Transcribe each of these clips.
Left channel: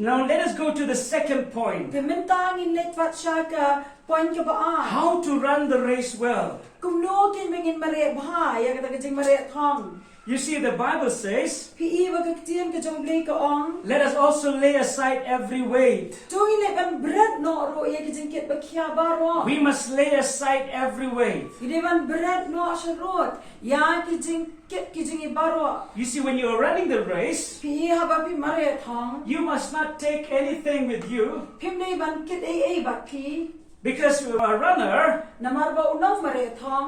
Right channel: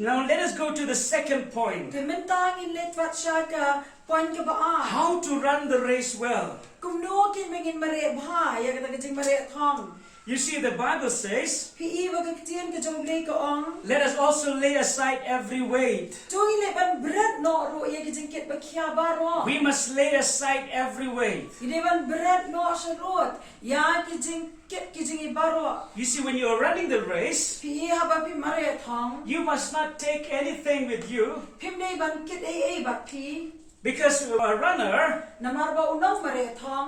Now let us go to the second point. How to run the race well. You see, the Bible says, let us also lay aside every weight. We must lay aside every weight. You see, when you are running the race, you must not take anything with you. Because a runner,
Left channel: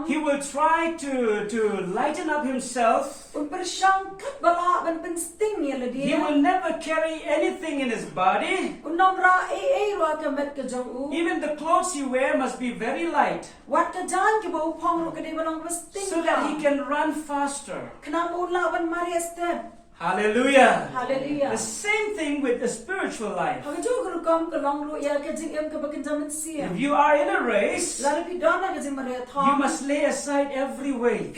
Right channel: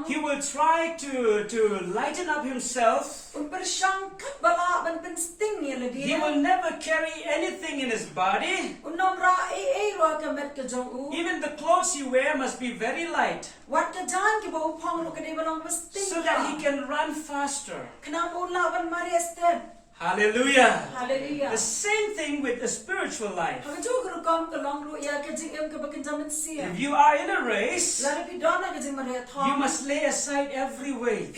he will try to lighten up himself. He will never carry anything in his body. Even the clothes he wears must be very light, so that he can run faster. Hallelujah. Hallelujah. The same thing with the spiritual life. If you are in a race, you must lay aside every weight.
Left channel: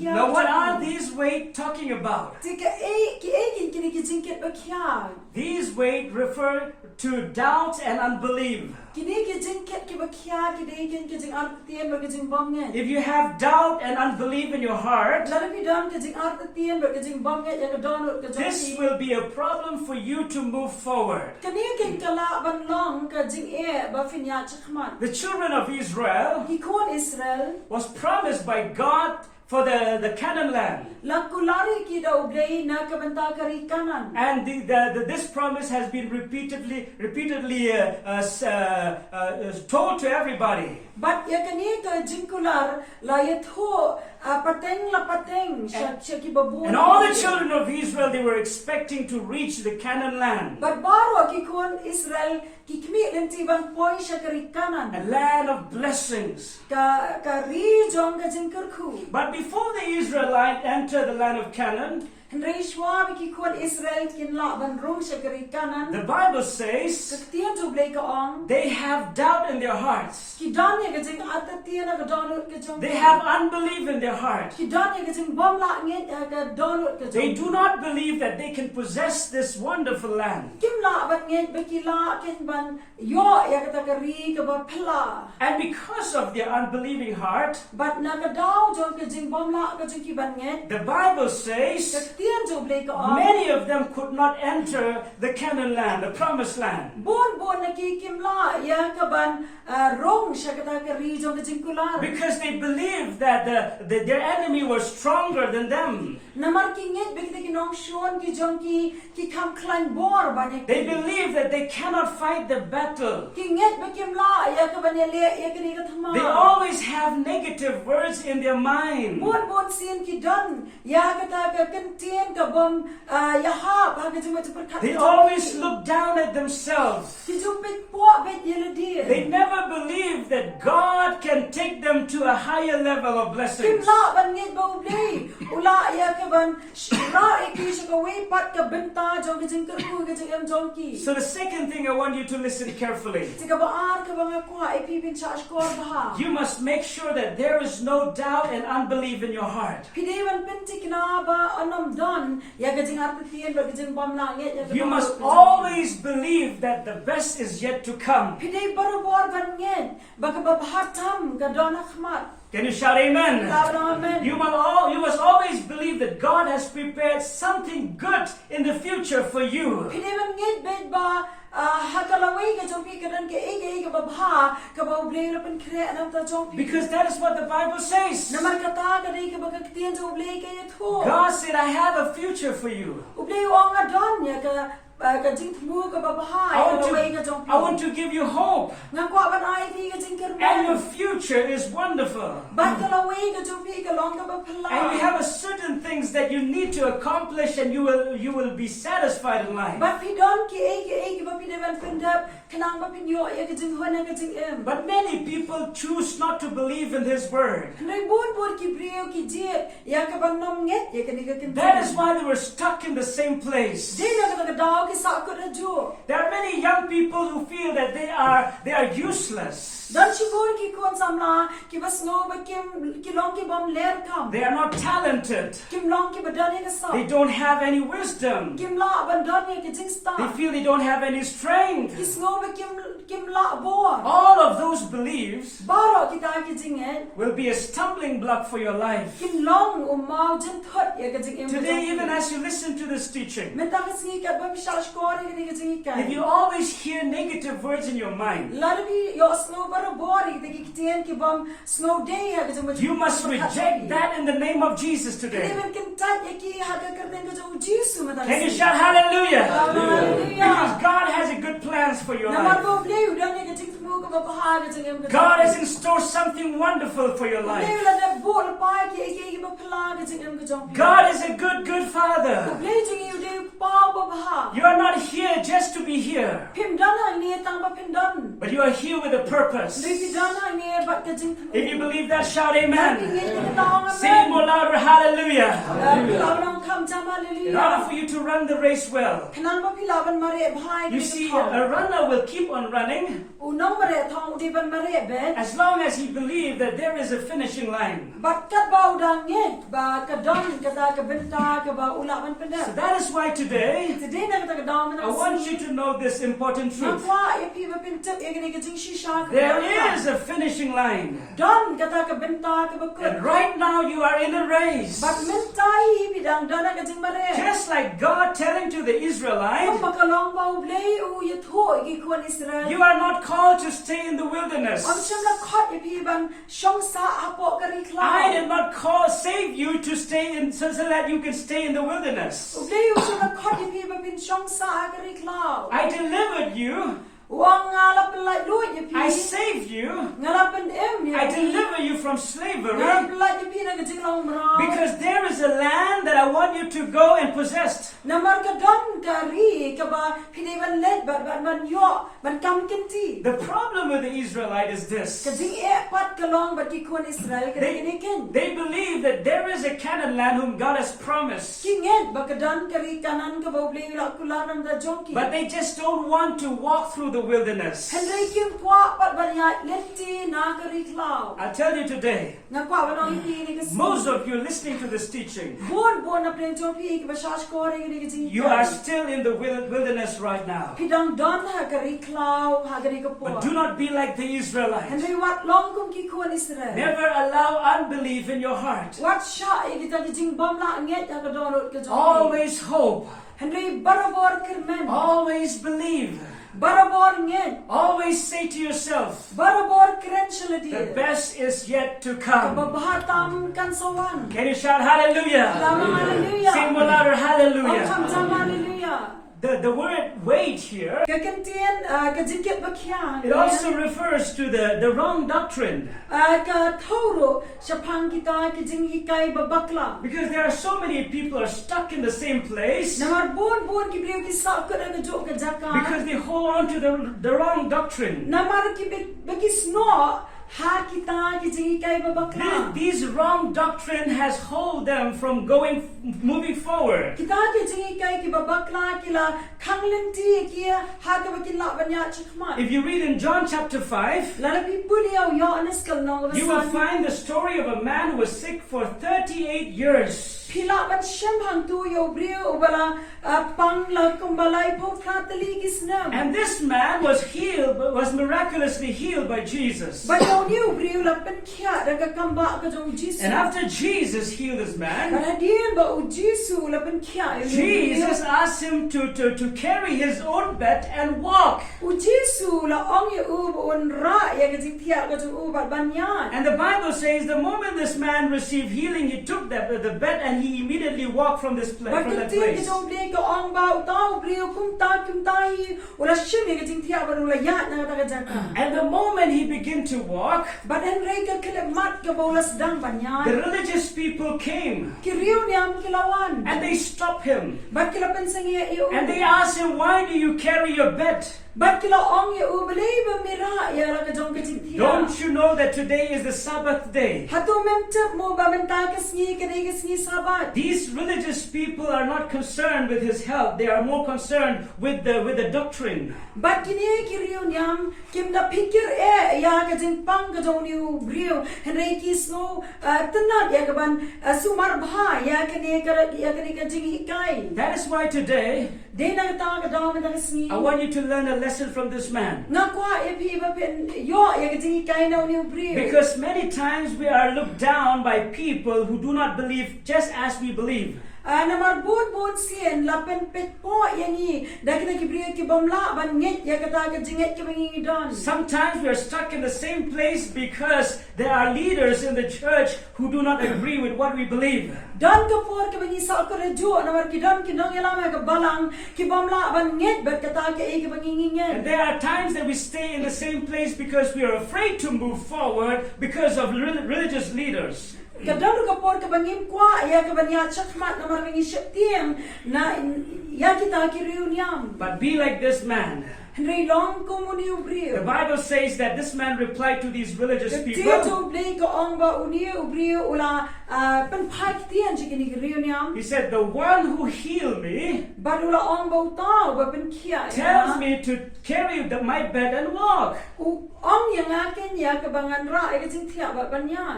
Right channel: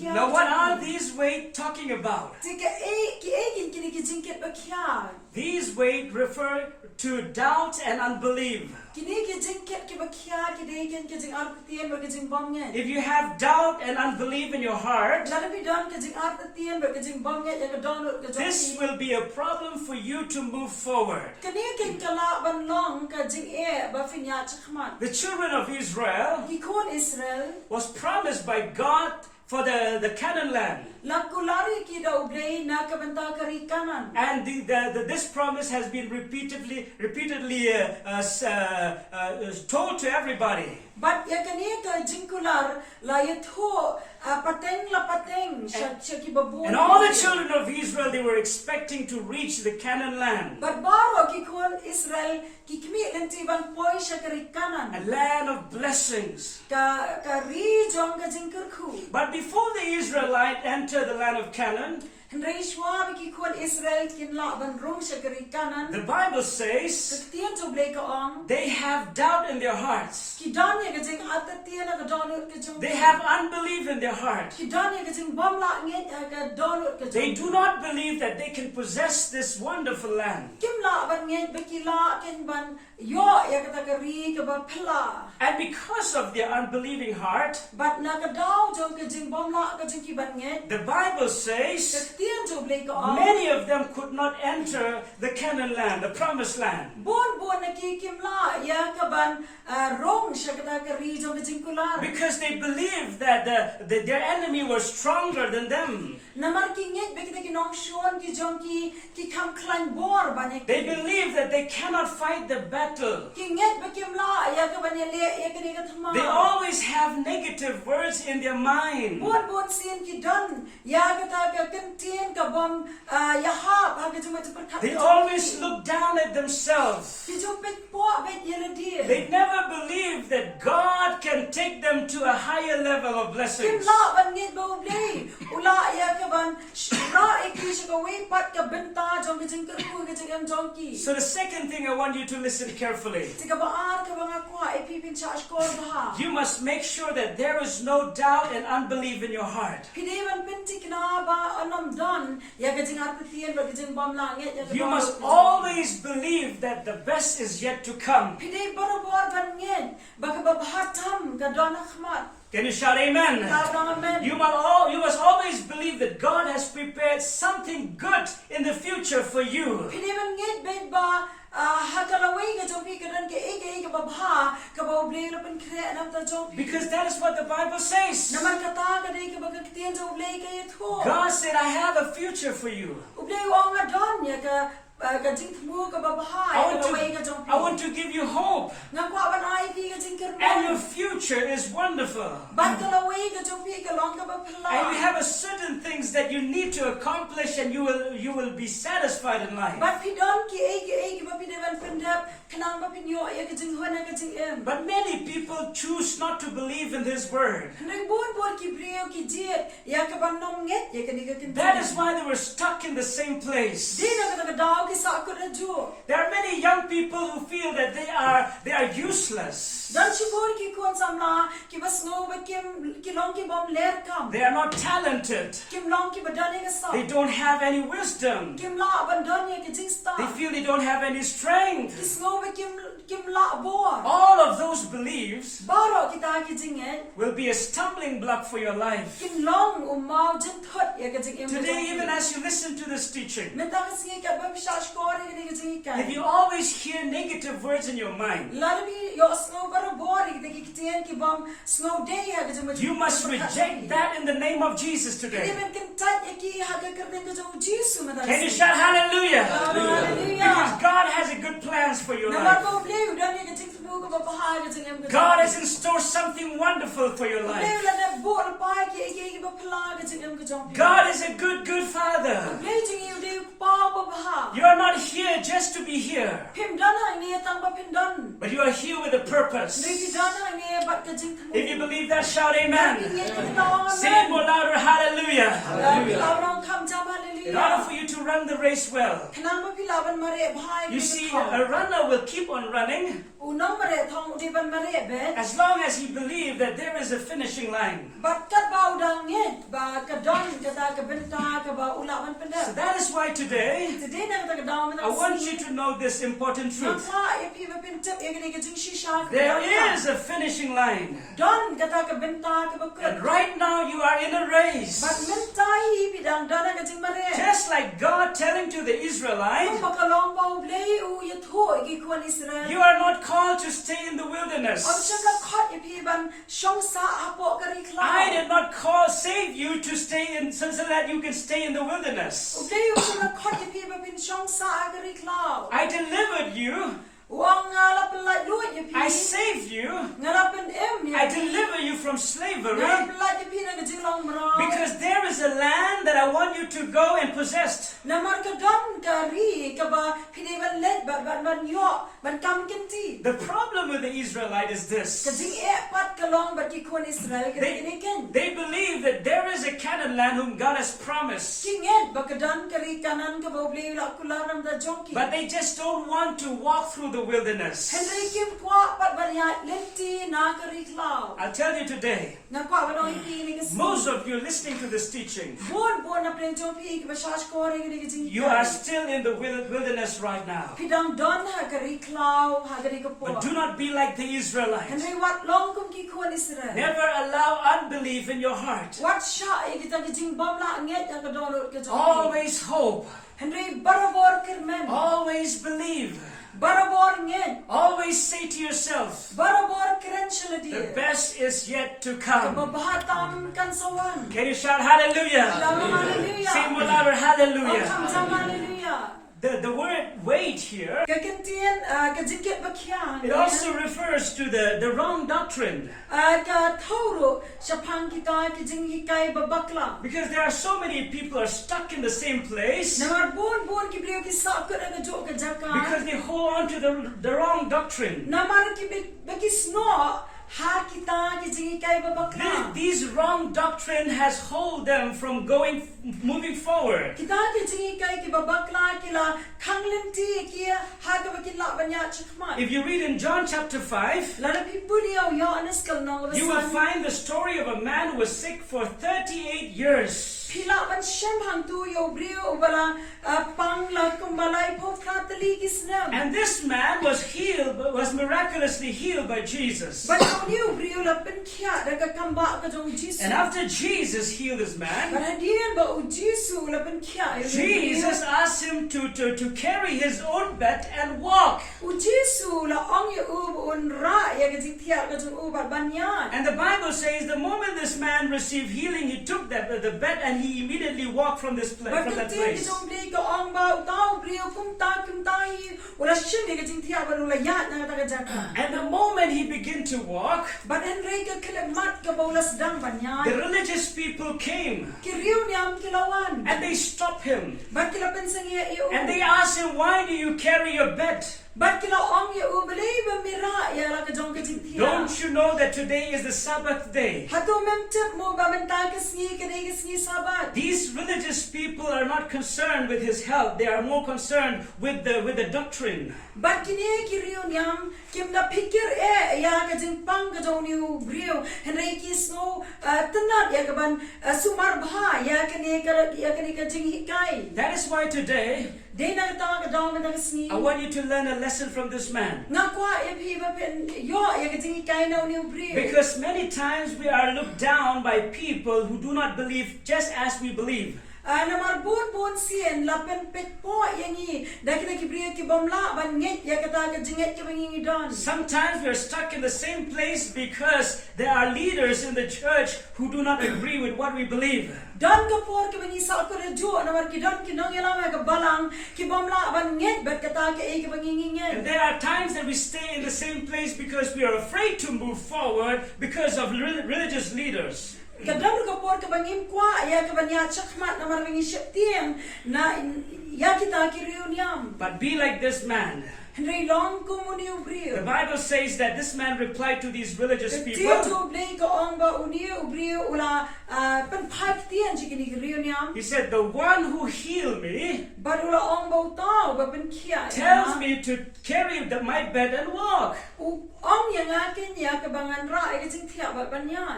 Now, what are these weights talking about? These weights refer to doubt and unbelief. If you have doubt and unbelief in your heart, this will be a problem for you to move forward. The children of Israel was promised by God for the Canaan land. And this promise has been repeatedly told to everybody. But and all the children of Israel, they were expecting to reach the Canaan land. But A land of blessings. But before the Israelites enter the land of Canaan, the Bible says they have doubt in their hearts. They have unbelief in their heart. They do not believe that they can possess this wonderful land. And because of their unbelieving heart, the Bible says many of them could not enter the Canaan land, the promised land. Because they believed that their enemy was stronger than them. They believe that they cannot fight the battle. They always have negative words in their mind. They always look down at themselves. They never believe that God can take them to a higher level of blessings. So the second thing I want you to listen carefully. You must make sure that there is no doubt and unbelief in your heart. You must always believe that the best is yet to come. Can you shout amen? You must always believe that God has prepared something good in the future for you. Because that is what the Bible says. God said, I have a future for you. I want to give you hope. And your future is wonderful. And you have a certain things that you need to accomplish, and you will be satisfied in life. But many people choose not to believe in His word. That is why they were stuck in the same place. There are many young people who feel that they are useless. They are not talented. They don't have any wisdom. They feel they don't have any strength. All of those beliefs will be a stumbling block for your life. Today, even as you listen to this teaching, if you always hear negative words in your mind, you must reject that in the name of Jesus today. Can you shout hallelujah? Because God has a good plans for your life. God has in store something wonderful for your life. God is a good Father. You are not here just to be here, but you are here with a purpose. If you believe that, shout amen. Say it more louder, hallelujah. In order for you to run the race well, you see, a runner will keep on running as long as he believes that there is a finishing line. So that is why today I want you to know this important truth. There is a finishing line. And right now you are in a race. Just like God telling to the Israelites, you are not called to stay in the wilderness. I did not save you to stay in so that you can stay in the wilderness. I delivered you. I save you. I deliver you from slavery. Because there is a land that I want you to go and possess. The problem with the Israelite is this. They believe that there is a Canaan land whom God has promised. But they just don't want to walk through the wilderness. I'll tell you today, most of you listening to this teaching, you are still in the wilderness right now. But do not be like the Israelites. Never allow unbelief in your heart. Always hope. Always believe. Always say to yourself, the best is yet to come. Can you shout hallelujah? Say more louder, hallelujah. The word wait here, it also refers to the wrong doctrine. Because there are so many people are stuck in the same place because they hold on to the wrong doctrine. These wrong doctrine has hold them from moving forward. If you read in John chapter 5, you will find the story of a man who was sick for 38 years. And this man was miraculously healed by Jesus. And after Jesus healed this man, Jesus asked him to carry his own bed and walk. And the Bible says the moment this man received healing, he took the bed and he immediately walked from that place. And the moment he began to walk, the religious people came and they stopped him. And they asked him, why do you carry your bed? Don't you know that today is the Sabbath day? These religious people are not concerned with his health. They are more concerned with the doctrine. But kini kiriu nyam kim da pikir ya ka jing pang ka jong niu briu henry kisno tanat ya ka ban sumar bha ya kini ka jing hikai. That is why today I want you to learn a lesson from this man. Because many times we are looked down by people who do not believe just as we believe. Namar bon sien lapen pet po yangi dakina kibriya ki bomla ban nget ya kata ka jinget ki bangi don. Sometimes we are stuck in the same place because there are leaders in the church who do not agree with what we believe. Don ka por ki bangi sa ka rejo namar ki don ki nong yalama ka balang ki bomla ban nget bet kata ka e ki bangi nget. And there are times that we stay in the same place because we are afraid to move forward because of religious leaders. Kadang ka por ka bangim kwa ya ka banya chakmat namar bangi septiem na ya kita kiriu niam. But be like this man. The Bible says that this man replied to these religious people. He said, the one who healed me tells me to carry my bed and walk.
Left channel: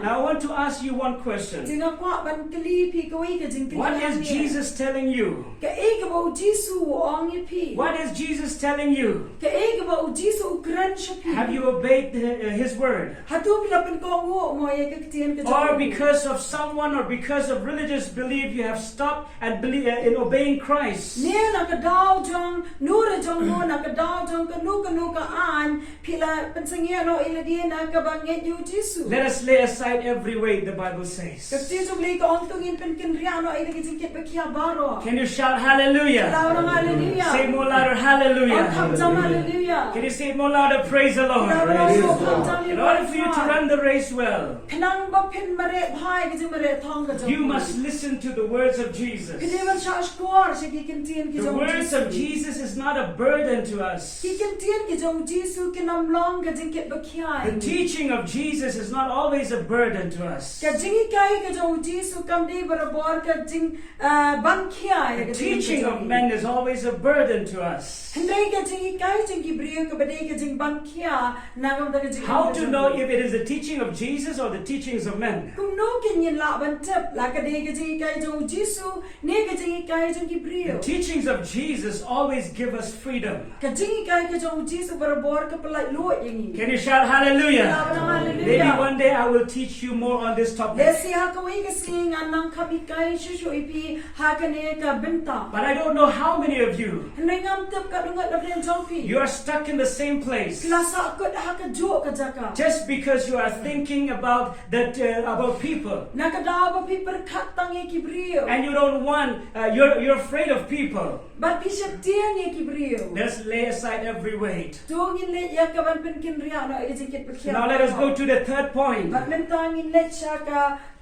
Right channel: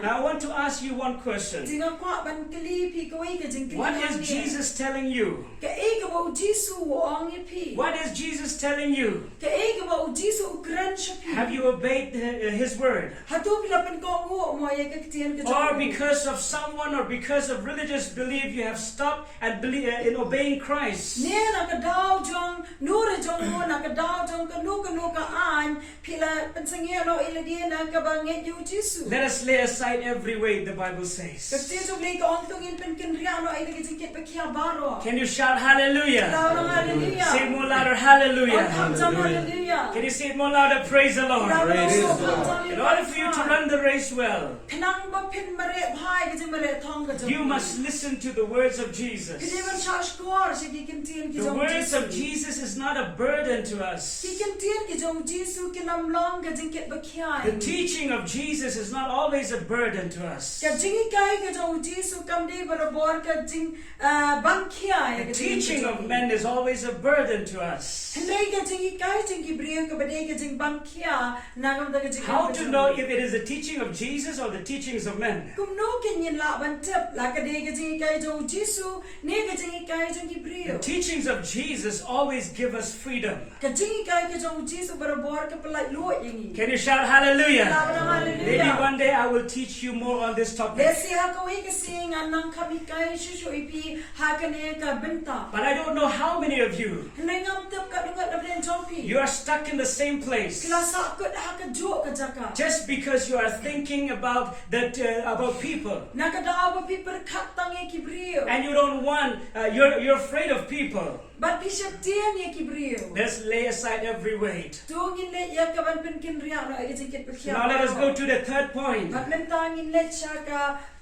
Now I want to ask you one question. What is Jesus telling you? What is Jesus telling you? Have you obeyed his word? Or because of someone or because of religious belief you have stopped and in obeying Christ? Let us lay aside every weight, the Bible says. Can you shout hallelujah? Say more louder, hallelujah. Hallelujah. Can you say it more louder? Praise the Lord. In order for you to run the race well, you must listen to the words of Jesus. The words of Jesus is not a burden to us. The teaching of Jesus is not always a burden to us. The teaching of men is always a burden to us. How to know if it is the teaching of Jesus or the teachings of men? The teachings of Jesus always give us freedom. Can you shout hallelujah? Maybe one day I will teach you more on this topic. But I don't know how many of you are stuck in the same place just because you are thinking about people, and you don't want you're afraid of people. Let's lay aside every weight. Now let us go to the third point.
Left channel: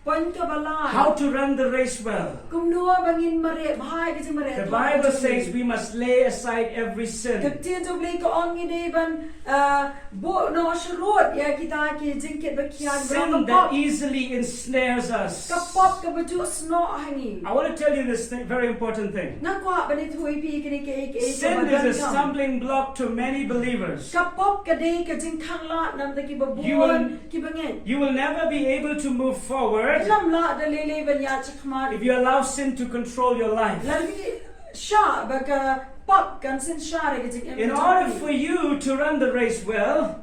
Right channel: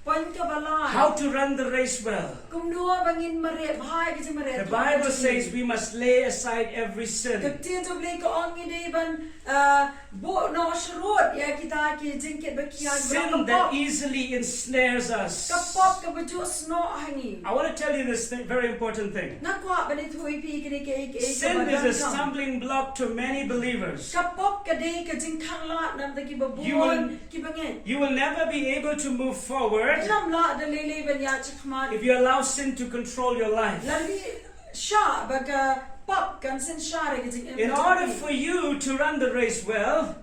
How to run the race well. The Bible says we must lay aside every sin. Sin that easily ensnares us. I want to tell you this very important thing. Sin is a stumbling block to many believers. You will never be able to move forward if you allow sin to control your life. In order for you to run the race well,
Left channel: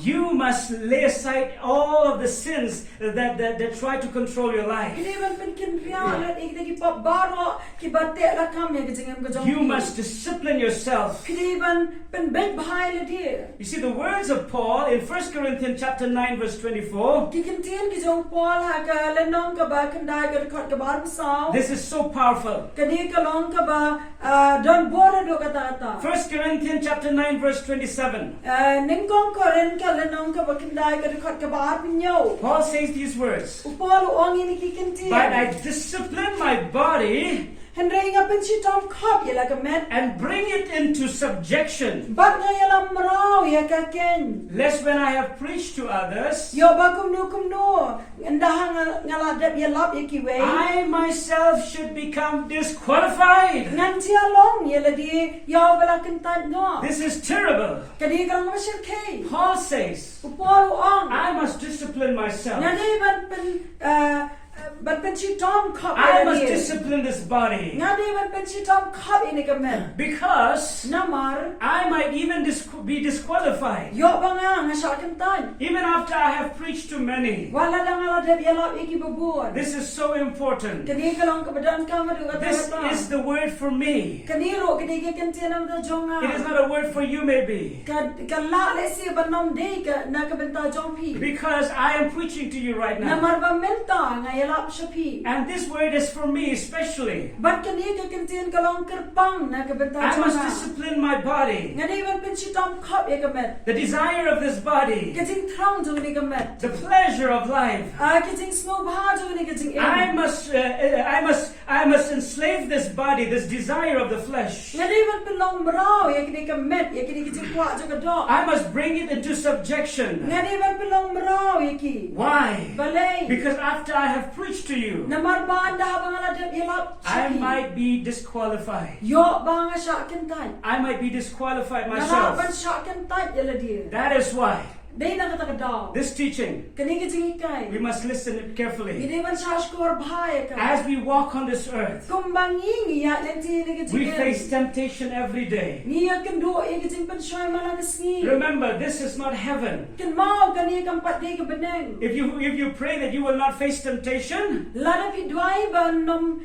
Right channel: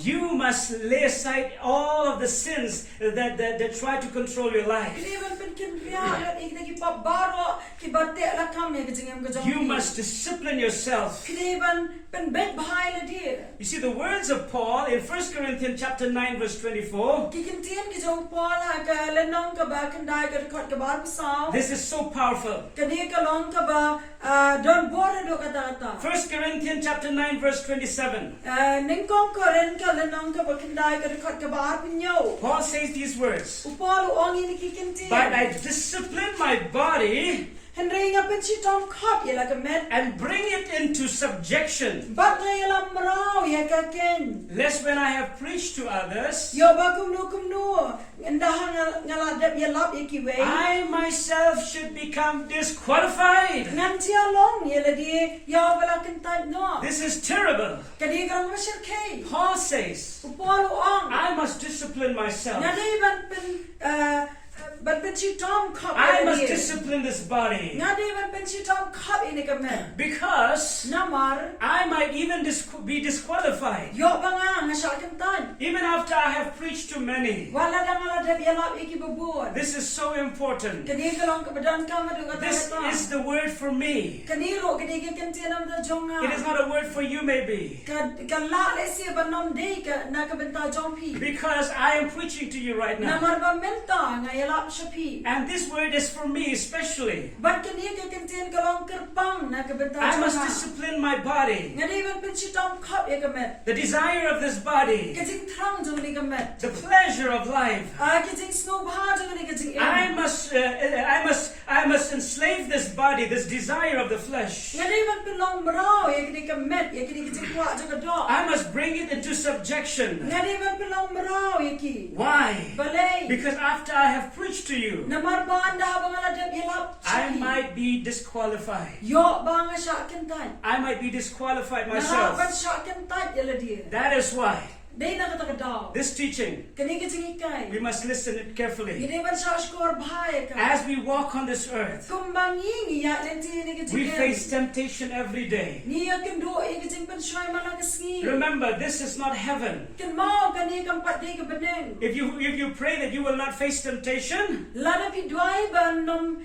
you must lay aside all of the sins that try to control your life. You must discipline yourself. You see, the words of Paul in 1 Corinthians chapter 9 verse 24, this is so powerful. 1 Corinthians chapter 9 verse 27. Paul says these words, but I discipline my body Henry nga pensitom kap yala kamet. and bring it into subjection. Bat nga yala mrao ya kaken. Lest when I have preached to others, Yo ba kumno. Ndaha nga ladap yalap yakiwe. I myself should become disqualified. Ngan tia long yala di yo bala kentat no. This is terrible. Kadi kang masir kay. Paul says, Upolo ang. I must discipline myself. Nga di ban pensitom kap I yala must di. discipline this body. Nga di ban pensitom kap ini kamet. Because Namar. I might even be disqualified. Yo ba nga sa kentan. Even after I have preached to many. Wala lang ladap yalap ikibabon. This is so important. Kani kalong kabadan ka madu This kata. is the word for me. Kaniro kani kantian am da jonga. It is not a word for you maybe. Kala le si banom de ka na kabenta jongpi. Because I am preaching to you right now. Namar ba menta nga yalap shapi. And this word is for me especially. Bat kani ka kantian kalong kerpang na kabenta I must jonga. discipline my body. Nga di ban pensitom kap ya kamet. The desire of this body. Kajing trang jong ni kamet. The pleasure of life. Kajing snow bha jong ni kajing I must enslave this body, this desire of the flesh. Nga di ban pelong brao ya kani kamet ya kani kajing kwa jong do. I must bring it into subjection. Nga di ban pelong brao ya ki. Why? Balay. Because after I have preached to you, Namar ba anda habang aladap yalap I shapi. might be disqualified. Yo ba nga siya kentan. I might be disqualified Narapan myself. siya kentan yala dia. That is why Day na katakadaw. this teaching, Kani kajing ikay. we must listen it carefully. Gini man siya skor bahaya ka. As we walk on this earth, Kumbanging iya lenti ni kajing. we face temptation every day. Niya kendo iya kajing pensyoy malakas ngi. Remember, this is not heaven. Ken mau kani kampat day ka beneng. If you pray that you will not face temptation, Lada pidway banom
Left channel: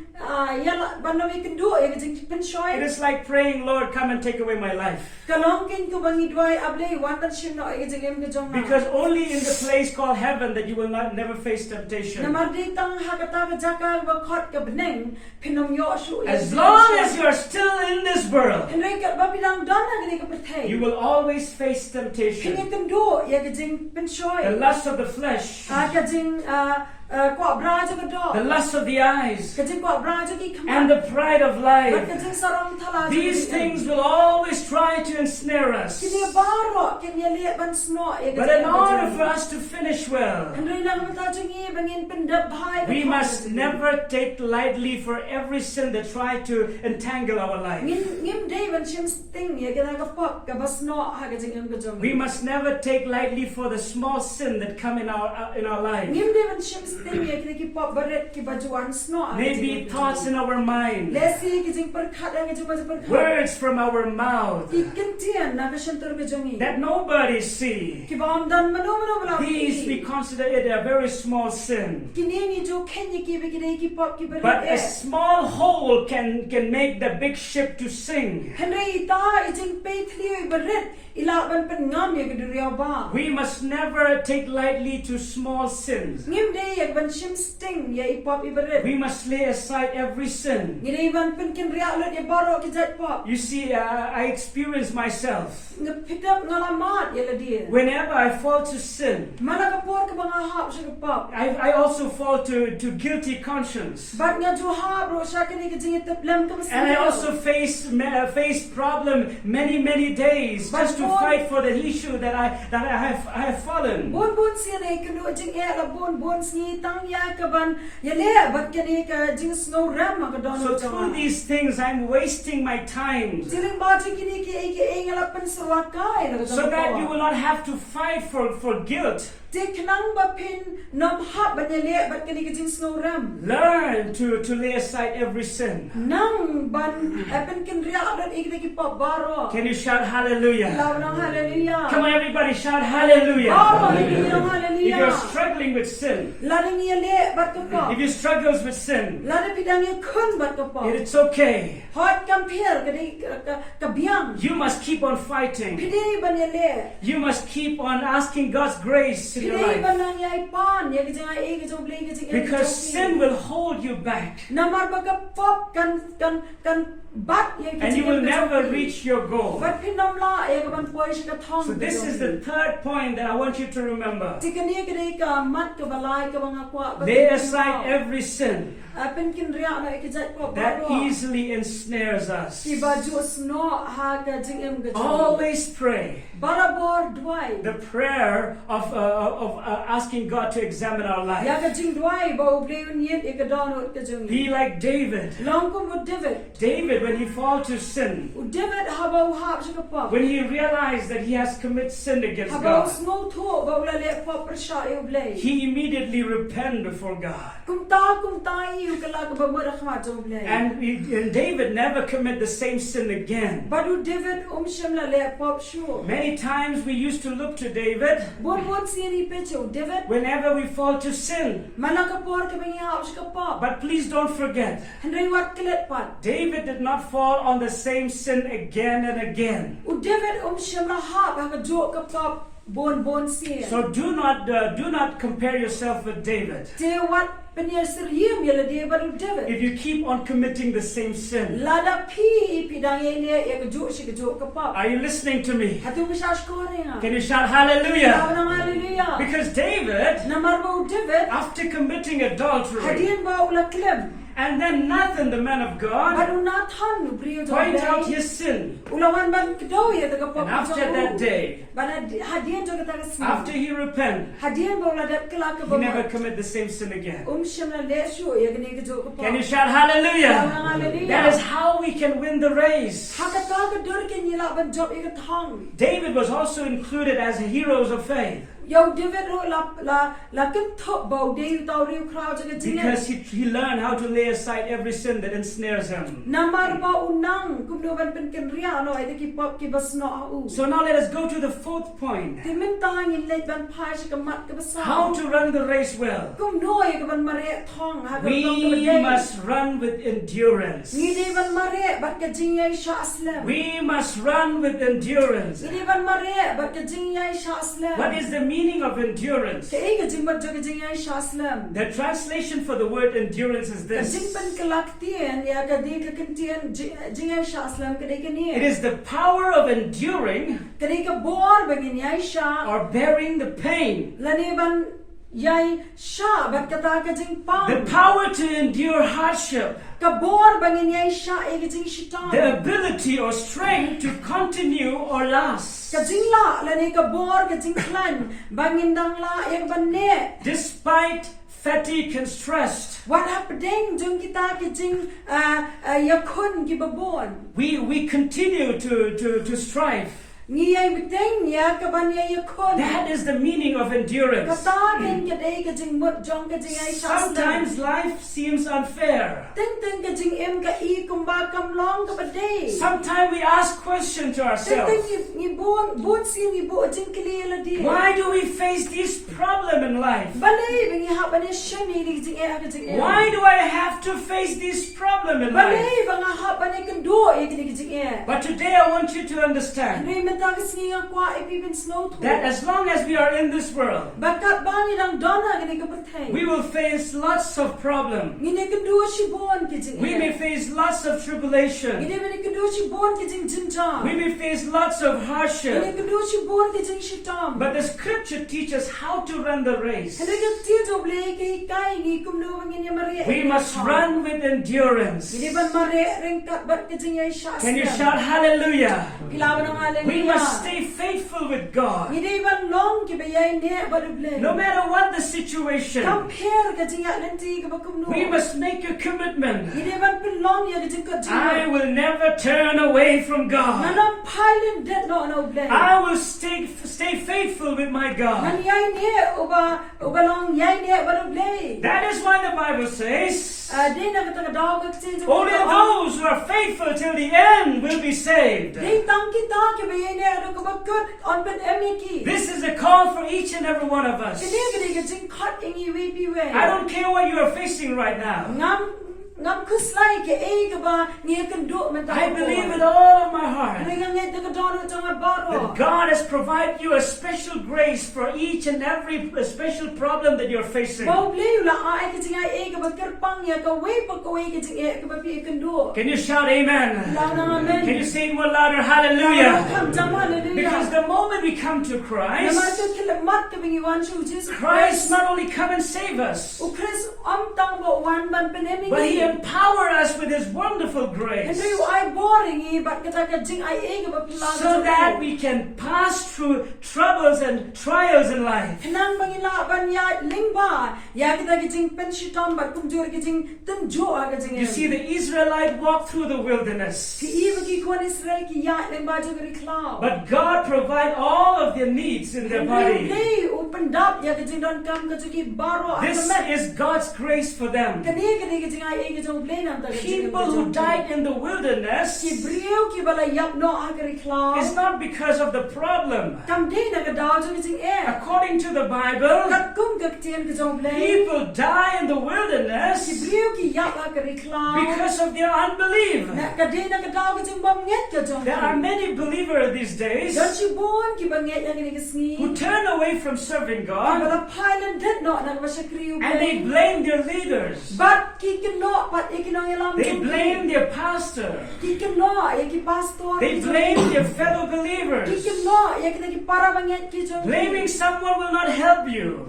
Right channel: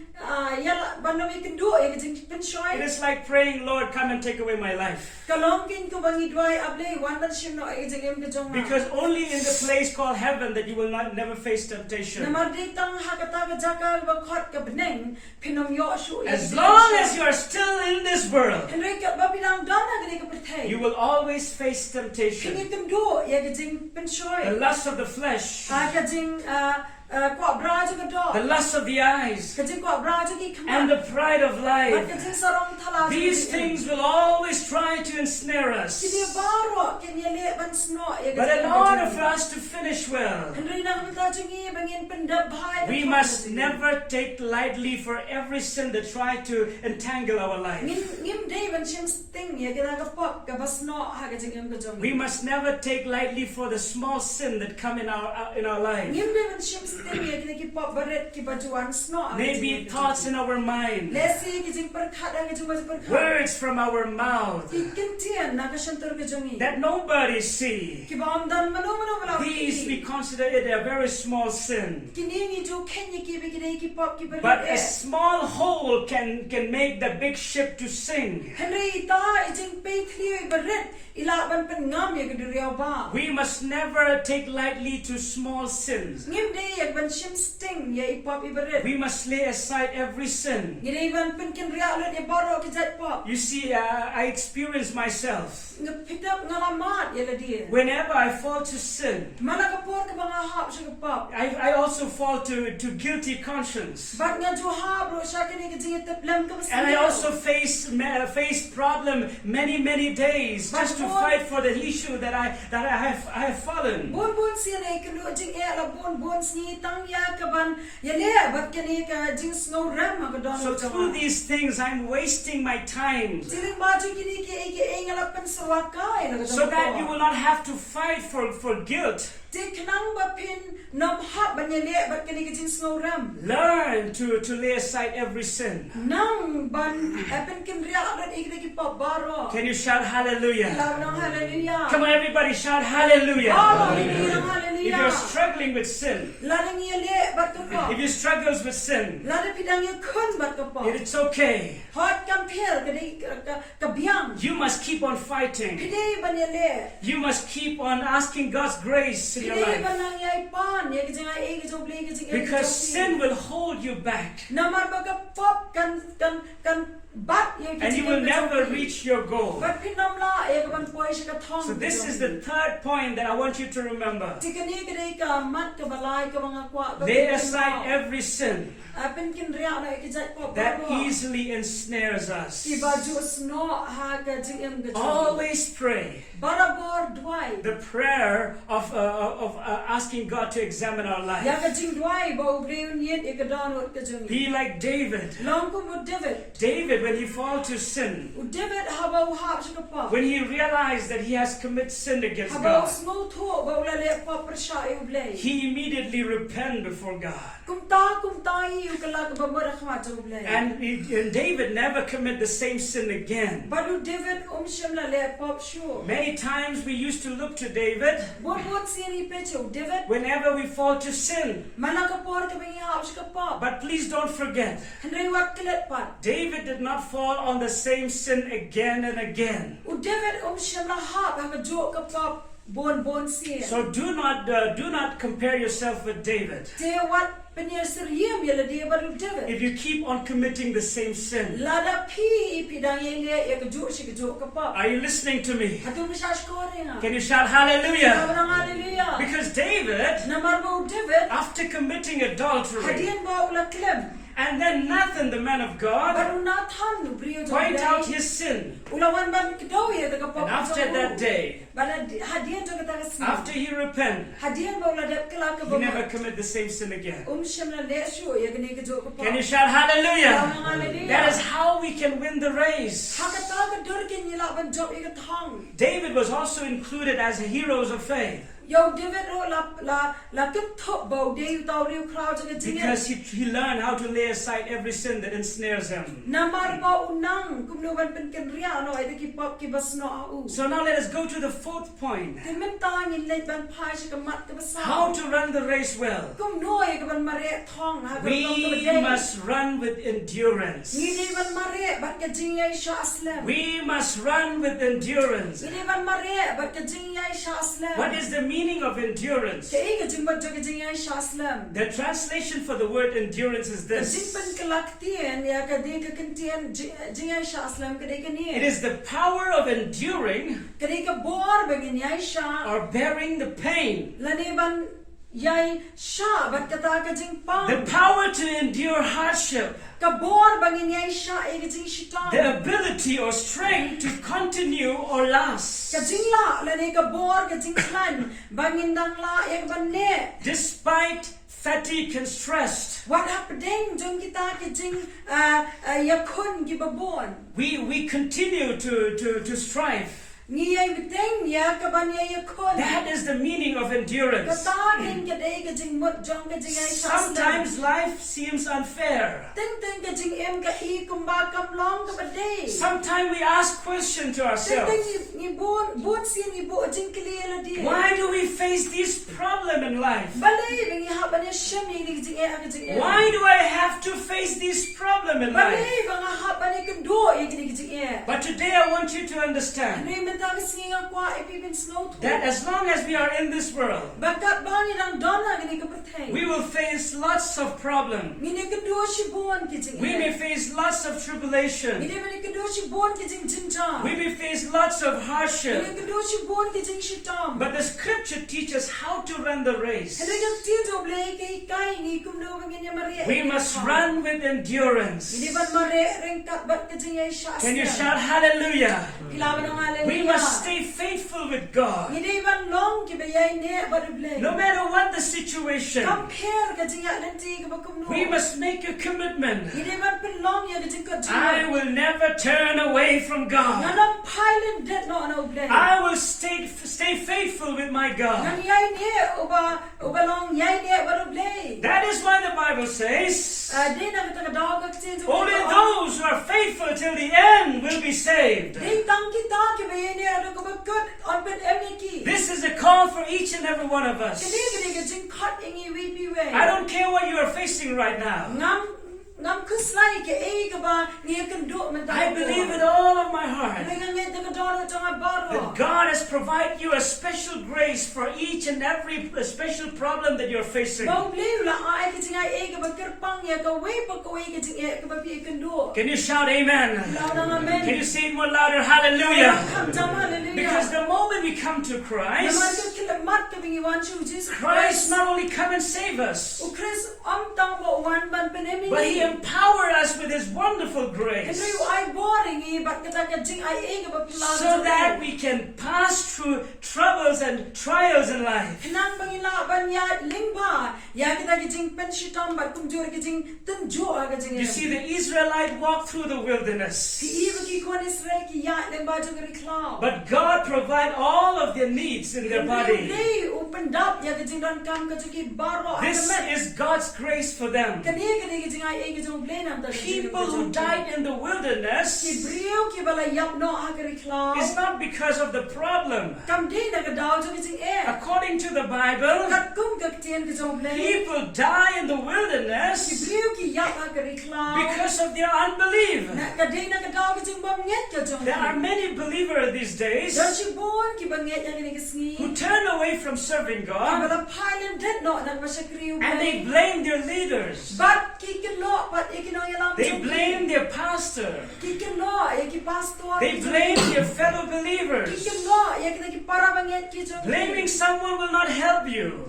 yala banom ikendo iya kajing it pensyoy. is like praying, Lord, come and take away my life. Kalongkin ko bangi dway able wantan siya no iya kajing kajong. Because only in the place called heaven that you will never face temptation. Namarditang hakata jaka bakot ka beneng pinom yo su. As long as you are still in this world, Henry ka babidang dona gani ka pertay. you will always face temptation. Kini kendo ya kajing pensyoy. The lust of the flesh, Kajing kwa braja ka do. the lust of the eyes, Kajing kwa braja ki and kama. the pride of Bat life. kajing sarong thala. These things will always try to ensnare us. Kini baro kini le ban sno ya But in order for kajing. us to finish well, Henry na kamata jingi bangin pendap bhai. we must never take lightly for every sin that try to entangle our life. Ngim day ban sim sting ya kita ka pop ka basno ha kajing ngam kajong. We must never take lightly for the small sin that come in our life. Ngim day ban sim sting ya kita ki pop baret ki bajuan sno. Maybe thoughts in our mind, Lesi kajing perkat ya kajing baju perkat. words from our mouth Ikintian na kasantor kajong. that nobody see. Ki ba dan mano bala. These we consider it a very small sin. Kini ni jo Kenya ki begini ki pop ki baret. But a small hole can make the big ship to sink. Henry ita ijing peitli baret ilaban pengam ya keduriau ba. We must never take lightly to small sins. Ngim day yak ban sim sting ya ipop ibaret. We must lay aside every sin. Ngiri ban penkin ria lut ya baro ki jat pop. You see, I experience myself. Pick up ngalamat ya la dia. Whenever I fall to sin, Mana kapor ka banga hap sa pop. I also fall to guilty conscience. Bat nga jo hap ro sa kini ka jing teplam ka And I also face problem many days just to fight for the issue that I have fallen. Bon siya na ikano jing e la bon sni tang ya ka ban ya le bat kini ka jing snow ram ka don. So through these things, I'm wasting my time, Jiling ba jing kini ki ngalapan sa wakay la ka so that you will not have to fight for guilt. Tiknang ba pin nom hap ban ya le bat kini ka jing snow ram. Learn to lay aside every sin. Nang ban pen kin ria rat ikiki pop baro. Can you shout hallelujah? Lawan hallelujah. Come on, everybody, shout hallelujah. Oh, If hallelujah. you're struggling with sin, Lalang ya le bat ka pop. if you struggles with sin, Lada pidang ya kun bat ka pop. it's okay. Hot compare ka biang. You must keep on fighting. Pidei ban ya le. You must keep on asking God's grace in your Pidei ban life. nang ya ipan ya ka jang ai ka jong play ka jing. Because sin will hold you back. Namar ba ka pop kan and you will never reach your goal. So this is the third point that I want you to remember. Lay aside every sin that easily ensnares us. Always pray the prayer of asking God to examine our life. Be like David. David, when he fell to sin, when he realized that he has committed sin against God, he immediately repented before God. And David never committed the same sin again. Many times we used to look to David whenever we fall to sin. But please don't forget, David did not fall on the same sin again and again. So do not compare yourself with David. If you keep on committing the same sin. Are you listening to me? Can you shout hallelujah? Because David, after committing adultery, and then Nathan, the man of God, point out his sin. And after that day, after he repented, he never committed the same sin again. Can you shout hallelujah? That is how we can win the race. David was also included as heroes of faith. Because he learned how to lay aside every sin that ensnares him. So now let us go to the fourth point. How to run the race well. We must run with endurance. We must run with endurance. What is the meaning of endurance? The translation for the word endurance is this. It is the power of enduring or bearing the pain. The power to endure hardship. The ability or strength to continue or last. Despite fatigue and stress. We continue to strive. That is the meaning of endurance. Sometimes life seems unfair. Sometimes we ask questions to ourselves. Why do we face this problem in life? Why do I have to face this problem in life? But today I want you to understand that as long as we are in this world, we will face lots of problems. We may face lots of tribulation. We may face lots of hardship. But the scripture teaches how to run the race. We must run with endurance. Can you shout hallelujah? We must stay faithful with God. No matter what the situation, we must make a commitment. I will never turn away from God. I will stay faithful with my God. That is why the Bible says, only those who are faithful till the end will be saved. This is a call for each and every one of us. I don't care what you are facing right now. ngam kuslai ke e ke ba nge kan do man ta I believe with all of my heart nge ta ka do to ma ba ro that God has provided you a special grace for each and every special problem that you're facing. ba ble la ai ke jinga e ke ba ker pang ya ka we pa ko ke jing e ke ba pi kan do Can you shout amen? amen. Can you say it more louder? Hallelujah. Hallelujah. Because the moment we come to Christ, Christ not only come and save us, but He empower us with His wonderful grace, so that we can pass through troubles and trials in life. You see, the Israelite walked through the wilderness, but God provided all of their needs in their body. This is God's grace for them. People who died in the wilderness, it's not because of the problem. According to the Bible, people die in the wilderness because of their unbelief. There are many believers these days who turn away from serving God and they blame their leaders. They blame their pastor. They blame their fellow believers. Blaming someone will not help you.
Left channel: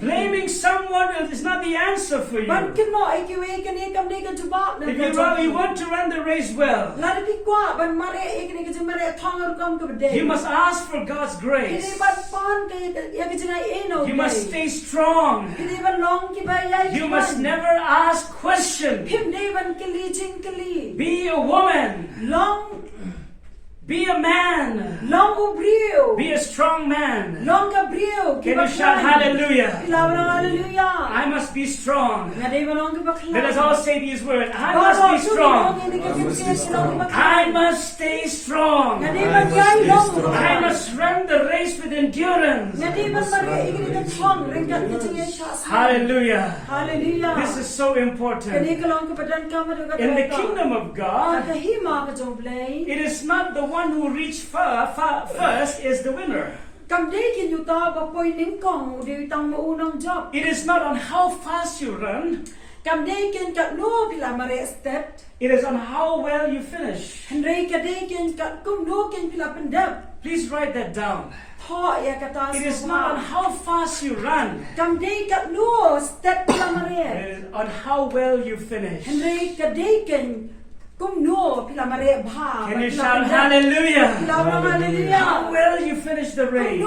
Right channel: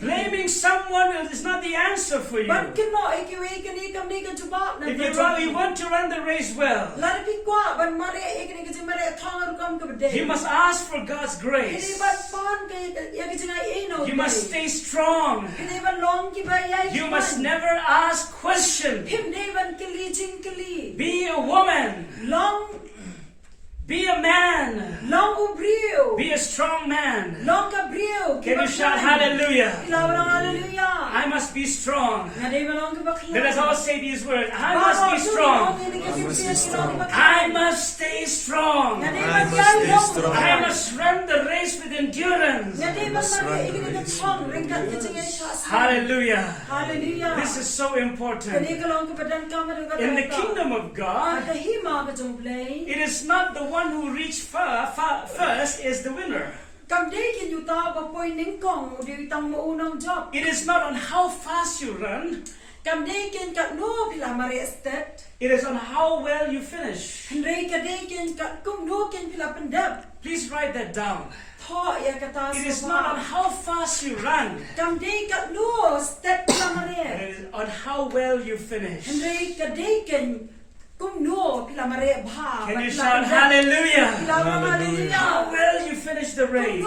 Blaming someone is not the answer for you. If you want to run the race well, you must ask for God's grace. You must stay strong. You must never ask questions. Be a woman. Be a man. Be a strong man. Can you shout hallelujah? I must be strong. Let us all say these words. I must be strong. I must stay strong. I must run the race with endurance. Hallelujah. This is so important. In the kingdom of God, it is not the one who reached first is the winner. It is not on how fast you run. It is on how well you finish. Please write that down. It is not on how fast you run. It is on how well you finish. Can you shout hallelujah? How well you finish the race.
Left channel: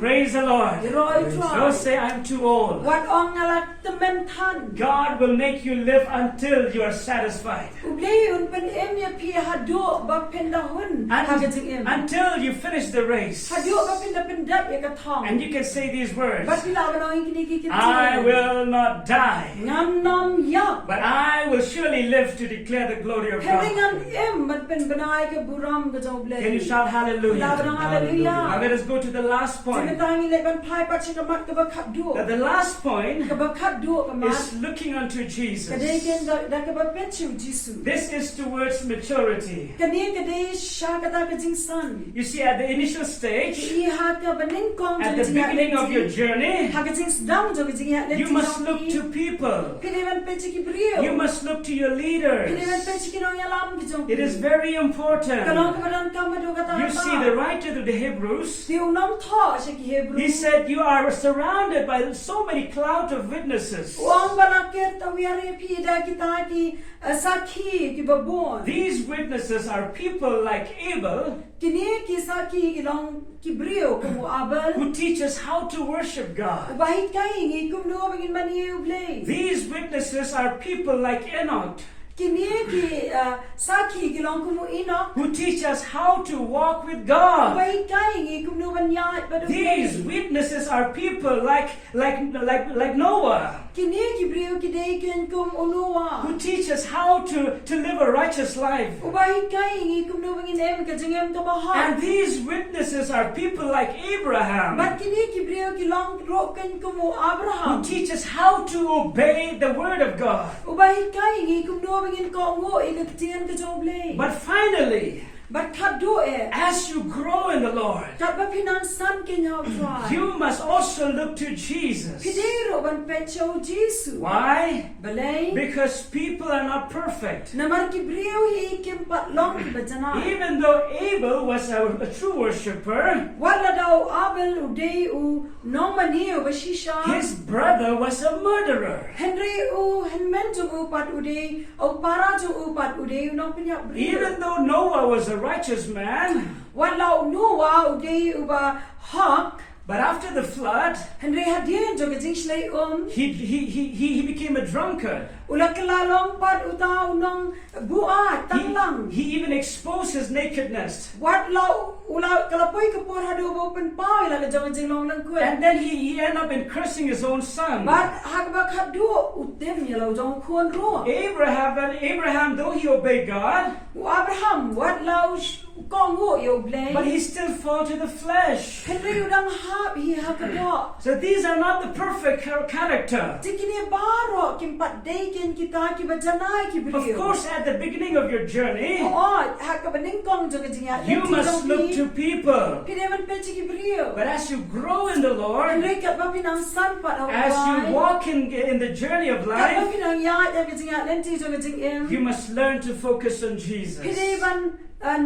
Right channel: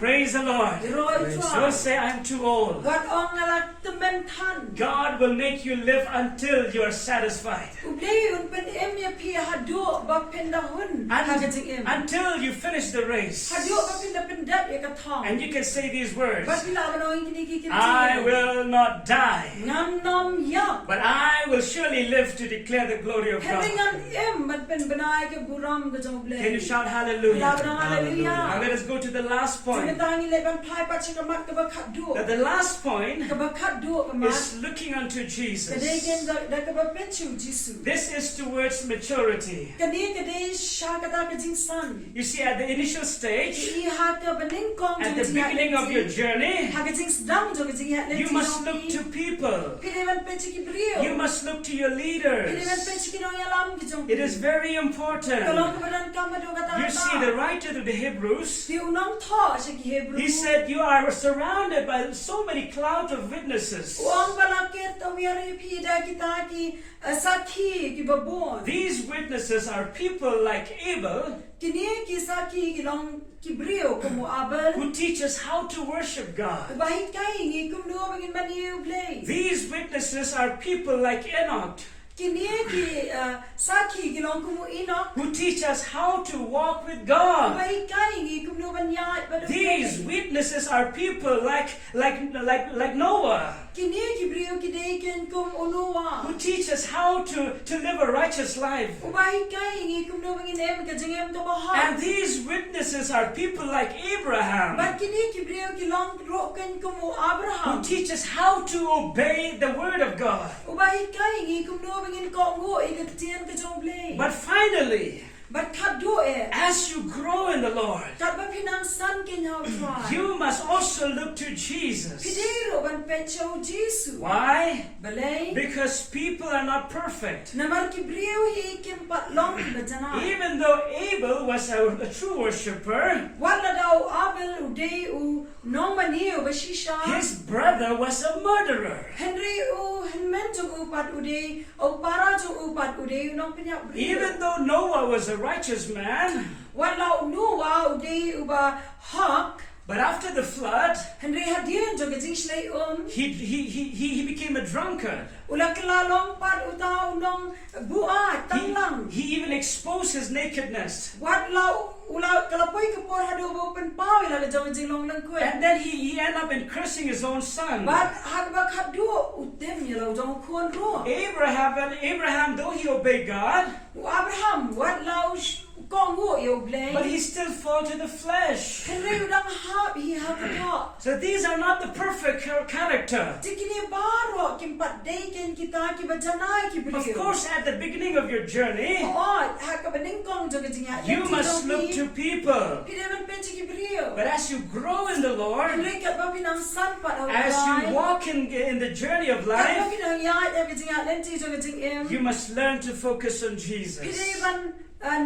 Praise the Lord. Don't say I'm too old. God will make you live until you are satisfied. Until you finish the race. And you can say these words. I will not die, but I will surely live to declare the glory of God. Can you shout hallelujah? Now let us go to the last point. That the last point is looking unto Jesus. This is towards maturity. You see, at the initial stage, at the beginning of your journey, you must look to people. You must look to your leaders. It is very important. You see, the writer to the Hebrews, he said, you are surrounded by so many clouds of witnesses. These witnesses are people like Abel, who teach us how to worship God. These witnesses are people like Enoch, who teach us how to walk with God. These witnesses are people like Noah, Kini kibrio kidei ken kum onua. who teach us how to live a righteous life. Ubahi kai ngi kum no bangin em ka jengem ka baha. And these witnesses are people like Abraham, But kini kibrio ki long ro ken kum o Abraham. who teach us how to obey the word of God. Ubahi kai ngi kum no bangin ko ngo ikatian ka jongle. But finally, But kado as you grow in the Lord, kat ba pinang san ken hau try. you must also look to Jesus. Pidero ban pecho Jesus. Why? Balay. Because people are not perfect. Namar kibrio hi kim pat long ki bajana. Even though Abel was a true worshipper, Wala daw Abel uday u nong maniyo bashisha. his brother was a murderer. Henry u henmen jung upat uday o para jung upat uday nong pinyak brio. Even though Noah was a righteous man, Wala Noah uday uba hak. but after the flood, Henry hadian joga jing shlay he became a drunkard. Ula kelalong pat utaw nong buat tanglang. He even exposed his nakedness. Wat lau ula kalapoy kapor hado open pau ila ka joga jing long lang kwe. And then he ended up in cursing his own son. But hakbak hado utem yalaw jong kuon ro. Abraham, though he obeyed God, Abraham wat lau kongo yo blay. but he still fall to the flesh. Henry udang hap hi hakado. So these are not the perfect character. Tikini baro kimpat day ken kita ki bajanai ki Of brio. course, at the beginning of your journey, Oh, hakabaning kong joga jing ya. you must look to people. Pidevan pechi ki brio. But as you grow in the Lord, Henry kat ba pinang san pat hau. as you walk in the journey of Kat ba life, pinang ya ka jing ya lenti joga jing em. you must learn to focus on Jesus. Pidevan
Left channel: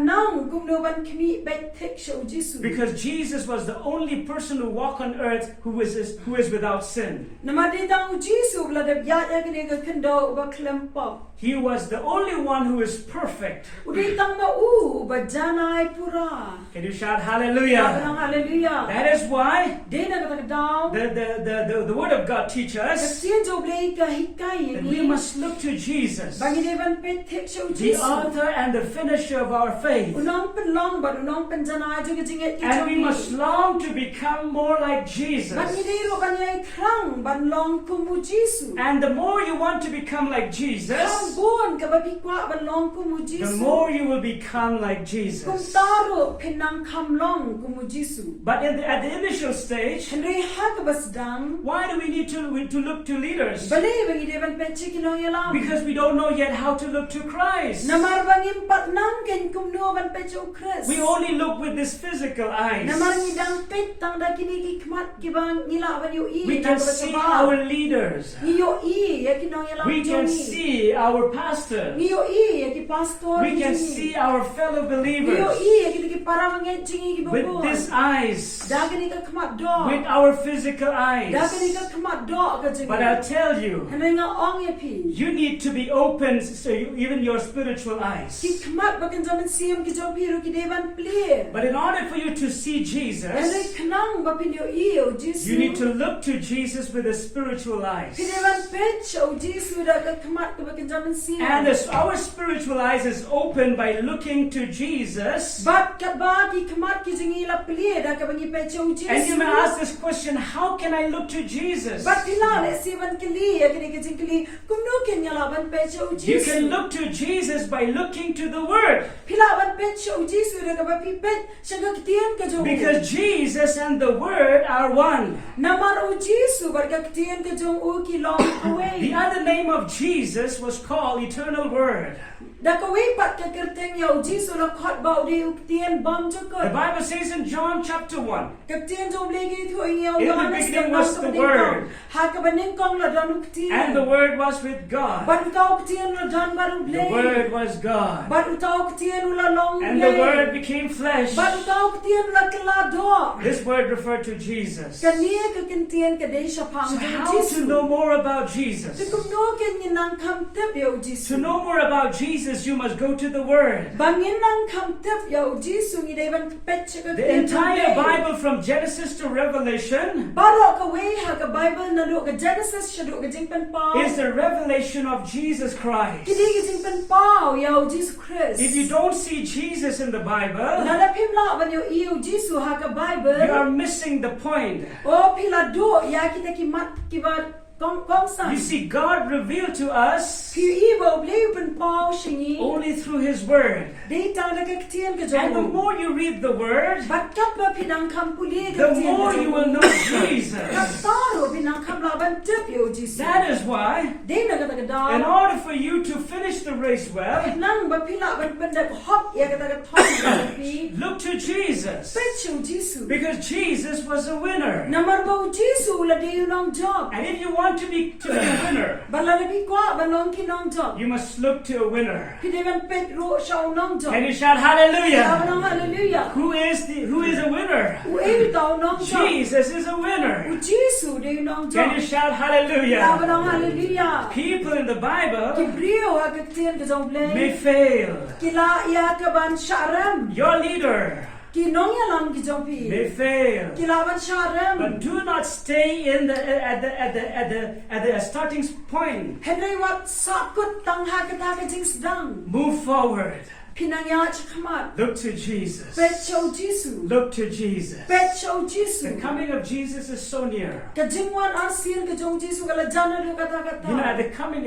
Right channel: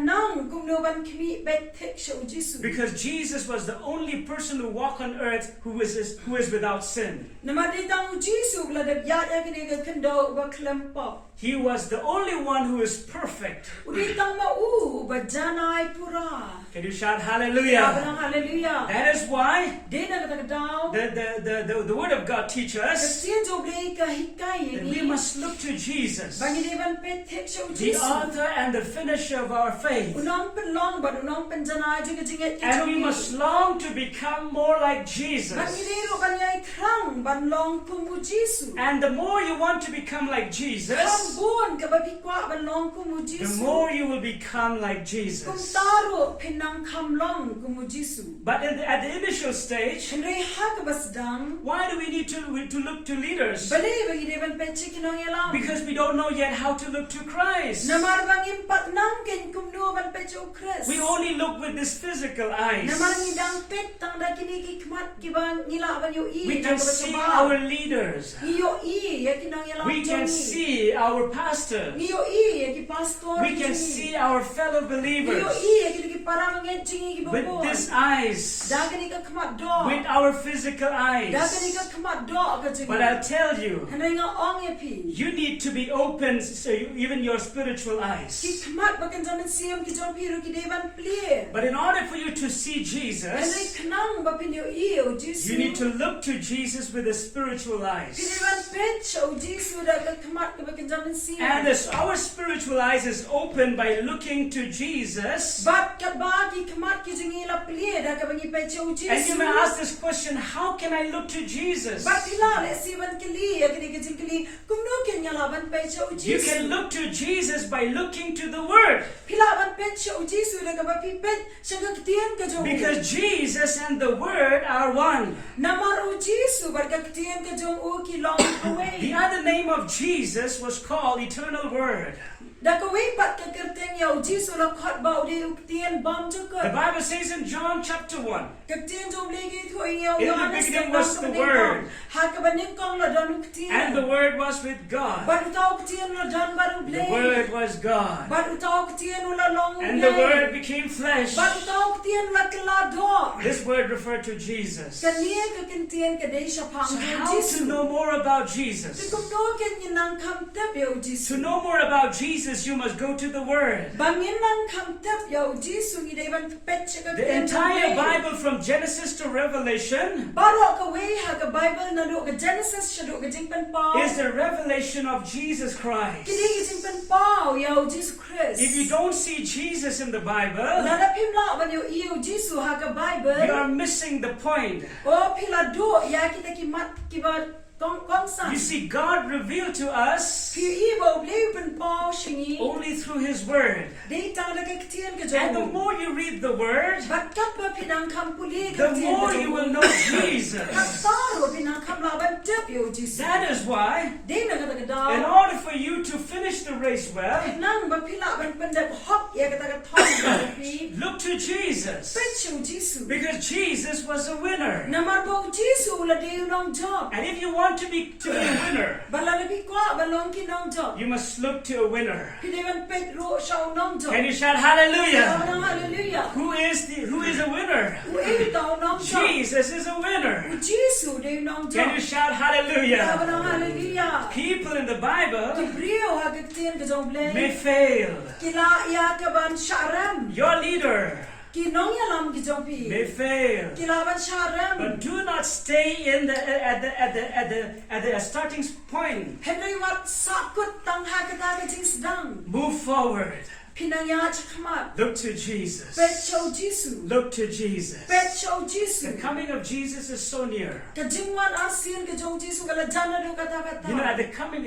nang kumno ban kmi bet tek show Jesus. Because Jesus was the only person who walked on earth who is without sin. Namadi tang Jesus bladab ya ya kini ka kendo ba klempop. He was the only one who is perfect. Udi tang ma u ba janai pura. Can you shout Abraham hallelujah? hallelujah. That is why Dena ka daw. the word of God teaches us Kasian jo blay ka hikai that we ni. must look to Jesus, Bangi devan pet tek show the Jesus. author and the finisher of our faith. Unong penlong ba unong penjanai juga jinget ki And we jogi. must long to become more like Jesus. Bangi dero ban yai krang ban long kumu Jesus. And the more you want to become like Jesus, Krang bon ka ba bikwa ban long kumu the Jesus. more you will become like Kum Jesus. taro pinang kamlong kumu Jesus. But at the initial stage, Henry hakabasdang. why do we need to look to leaders? Balay bagi devan pet kinong yalam. Because we don't know yet how to look to Christ. Namar bangin pat nang ken kumno ban pecho Chris. We only look with this physical eyes. Namar ngidang pet tang da kini ki kmat ki bang ngila ban yo i. We can see our leaders. Ngiyo i ya kinong yalam. We can jongi. see our pastors. Ngiyo i ya ki pastor. We can jongi. see our fellow Ngiyo believers i ya ki para mangen jingi ki with bubon. these eyes, Da kini ka kmat do. with our physical Da kini eyes. ka kmat do ka jingi. But I'll tell you, Henry nga ong ya pi. you need to be open, so even your spiritual eyes. Ki kmat bakan zaman siam ki jom piru ki devan plir. But in order for you to see Henry Jesus, kenang ba pinyo i o Jesus. you need to look to Jesus with the spiritual eyes. Ki devan pet show Jesus da ka kmat ka bakan zaman siam. And as our spiritual eyes is open by looking to Jesus, But ka ba ki kmat ki jingi la plir da ka bangi pet show and Jesus. you may ask this question, how can I look to Jesus? But pila le si ban kili ya kini ki jingli kumno ken yala ban pet show You Jesus. can look to Jesus by looking to the Word. Pila ban pet show Jesus da ka ba pi pet shaga kitian ka jong. Because Jesus and the Word are one. Namar o Jesus bar ka kitian ka jong o ki long The away. other name of Jesus was called Eternal Word. Da ka way pat ka kerteng ya o Jesus la khat ba o di uktian bam The jokot. Bible says in John chapter 1, Katian jom legi thu ingaw In the Yohanes beginning ka was the Word. Ha ka baning kong la dan and the uktian. Word was with God. Baru tau uktian la dan baru The blay. Word was God. Baru tau uktian la long And the blay. Word became flesh. Baru tau uktian la kelado. This word referred to Jesus. Kania ka kintian ka day siya pang So jong how to Jesus. know more about Jesus? Tikum no ken yinang kam tep ya o Jesus. To know more about Jesus, you must go to the Word. Bangin nang kam tep ya o Jesus ngi day ban pet siya ka The tian entire blay. Bible from Genesis to Revelation Baro ka way ha ka Bible na do ka Genesis siya do ka jing pen pao. is the revelation of Jesus Christ. Kini ka jing pen pao ya o Jesus Christ. If you don't see Jesus in the Bible, Lala pimla ban yo iyo Jesus ha ka Bible. you are missing the point. O pila do ya kita ki mat ki ba kong san. You see, God revealed to us Pi ibo bleu pen pao shingi. only through His Word. Dei tang da ka ktian ka And the jo. more you read the Word, Bat kat ba pinang kam puli the ka ktian more ka you will jo. know Jesus. Kataro pinang kam la ban tep yo Jesus. That is why, Dei na ka ta ka in da. order for you to finish the race well, Nang ba pila ban pendak hop ya ka ta ka thong ka pi. look to Jesus. Pechu Jesus. Because Jesus was a winner. Namar ba Jesus la dei nong job. And if you want to be a winner, Bala na bi kwa balong ki nong job. you must look to a winner. Pi de ban pet ro shao nong job. Can you shout hallelujah? Hallelujah. Who is a winner? U e tao nong job. Jesus is a winner. U Jesus de nong Can job. you shout hallelujah? Hallelujah. People in the Bible Kibrio ha kitian ka jong may ble. fail. Kila ya ka ban sharam. Your leader Ki nong ya lam ki jong pi. may fail. Kila ban sharam. But do not stay at the starting point. Henry wat sakut tang ha ka ta ka jing sedang. Move forward. Pinang ya chakamat. Look to Jesus. Pet show Jesus. Look to Jesus. Pet show The Jesus. coming of Jesus is so near. Ka jingwan arsin ka jong Jesus ka la jana du ka ta ka You know, at ta. the coming,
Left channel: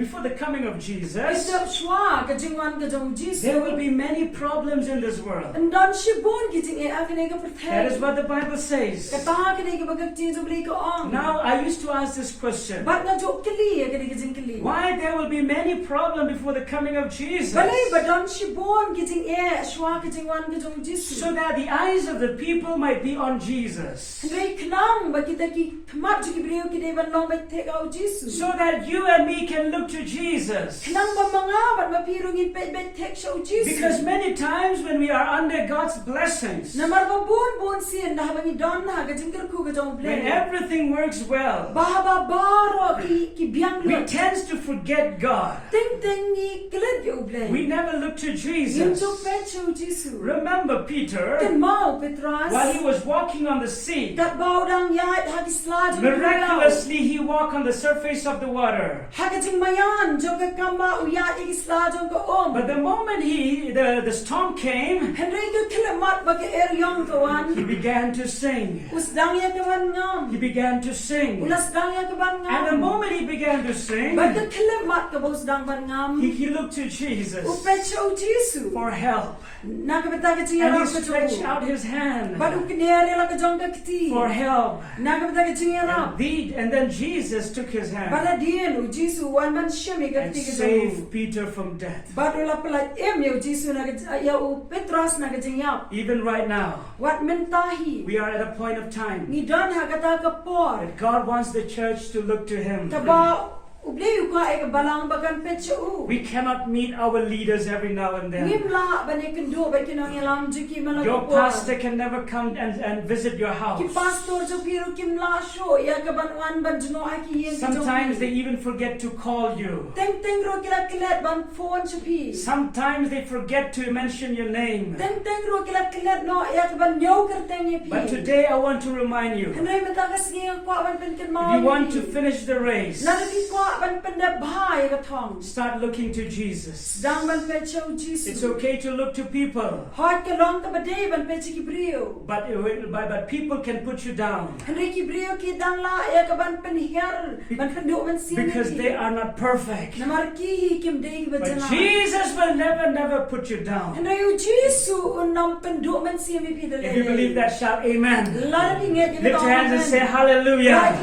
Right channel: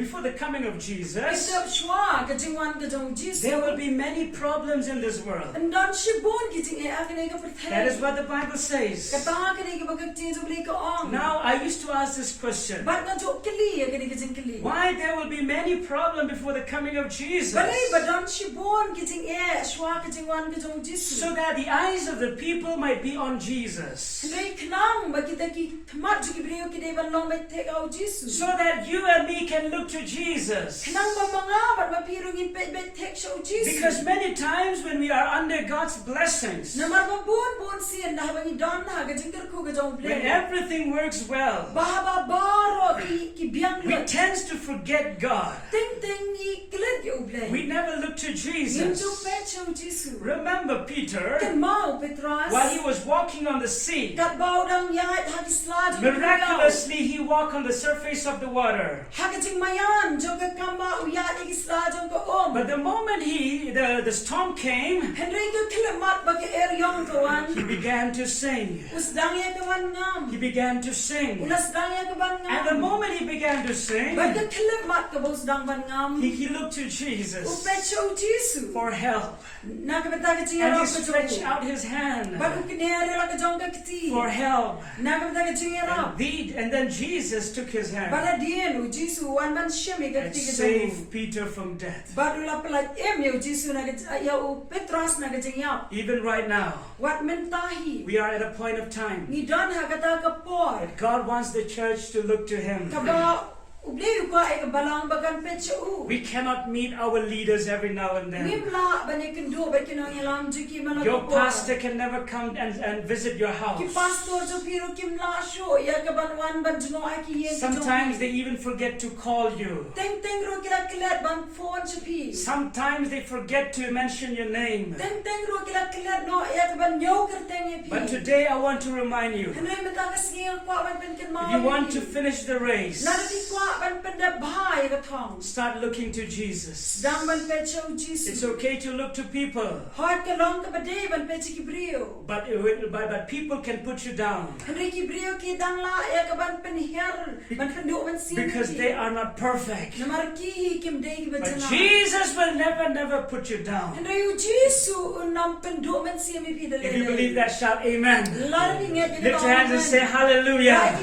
before the coming of Jesus, Isap shwa ka jingwan ka jong Jesus. there will be many problems in this world. Ndan shibon ki jing e akane ka That is perthay. what the Bible says. Ka ta ka ne ka bagak jing jo bli ka ong. Now, I used to ask this question. Bat na jo kili akane ka jing kili. Why there will be many problems before the coming of Jesus? Balay ba don shibon ki jing e shwa ka jing wan ka jong Jesus. So that the eyes of the people might be on Jesus. Henry knang ba kita ki thamat jo ki brio ki de ban long ba tek au Jesus. So that you and me can look to Jesus. Knang ba mga bat mapirong in pet bet tek show Jesus. Because many times when we are under God's blessings, Namar ba bon sian dah ba ni don na ka jing ku ka jong when ble. everything works well, Ba baro ki biang we lu. tend to forget God. Ting ting ni klet yo ble. We never look to Yun Jesus. jo pet show Jesus. Remember Peter, Kan mau Petras. while he was walking on the sea, Kat bau dang yait hagi slad. miraculously he walked on the surface of the water. Hagi jing mayan jo ka kama uyat hagi slad jong ka om. But the moment the storm came, Henry ka kilamat bagi er yong he kawan. began to sing. Us dang ya kawan He ngam. began to sing. Ulas dang ya kawan And the ngam. moment he began to sing, Bagi kilamat ka bos dang ban ngam. he looked to Jesus Upet show Jesus. for help. Nakabata ka jing And he arap ka stretched jong. out his hand Badu kinere la ka jong ka kiti. for help. Nakabata ka jing arap. And then Jesus took his hand Bada dienu Jesus wan man shemi ka and kiti ka jong. saved Peter from death. Badu la pelat yo Jesus na ka ya u Petras na ka jing yap. Even right now, Wat mentahi. we are at a point of time Ni don ha kata ka por. that God wants the church to look to Him. Kaba ubleu ka e ka balang bagan petsu. We cannot meet our leaders every now and then. Nimla bani kendo ba kinang yalam jiki malak. Your pastor can never come and visit your house. Ki pastor jo piro kimla sho ya ka ban wan ban jno aki yen. Sometimes they even forget to call you. Teng teng ro kila kilat ban phone chapi. Sometimes they forget to mention your name. Teng teng ro kila kilat no ya ka ban nyaw ker teng ye pi. But today I want to remind you, Henry mata ka singi kwa ban pen ken if mau. you want to finish the race, Nari kwa ban pen da bha ya ka thong. start looking to Jesus. Dang ban petsu It's Jesus. okay to look to people, Hot ka long ka bade ban petsu ki brio. but people can put you down Henry ki brio ki dang la ya ka ban pen her ban pen do ban sin. because they are not perfect. Namar ki hi kim de ki But bajana. Jesus will never put you down. Henry u Jesus unam pen do ban sin mi pi de le. If you believe that, shout amen. Lar ni nge Lift your hands and say hallelujah.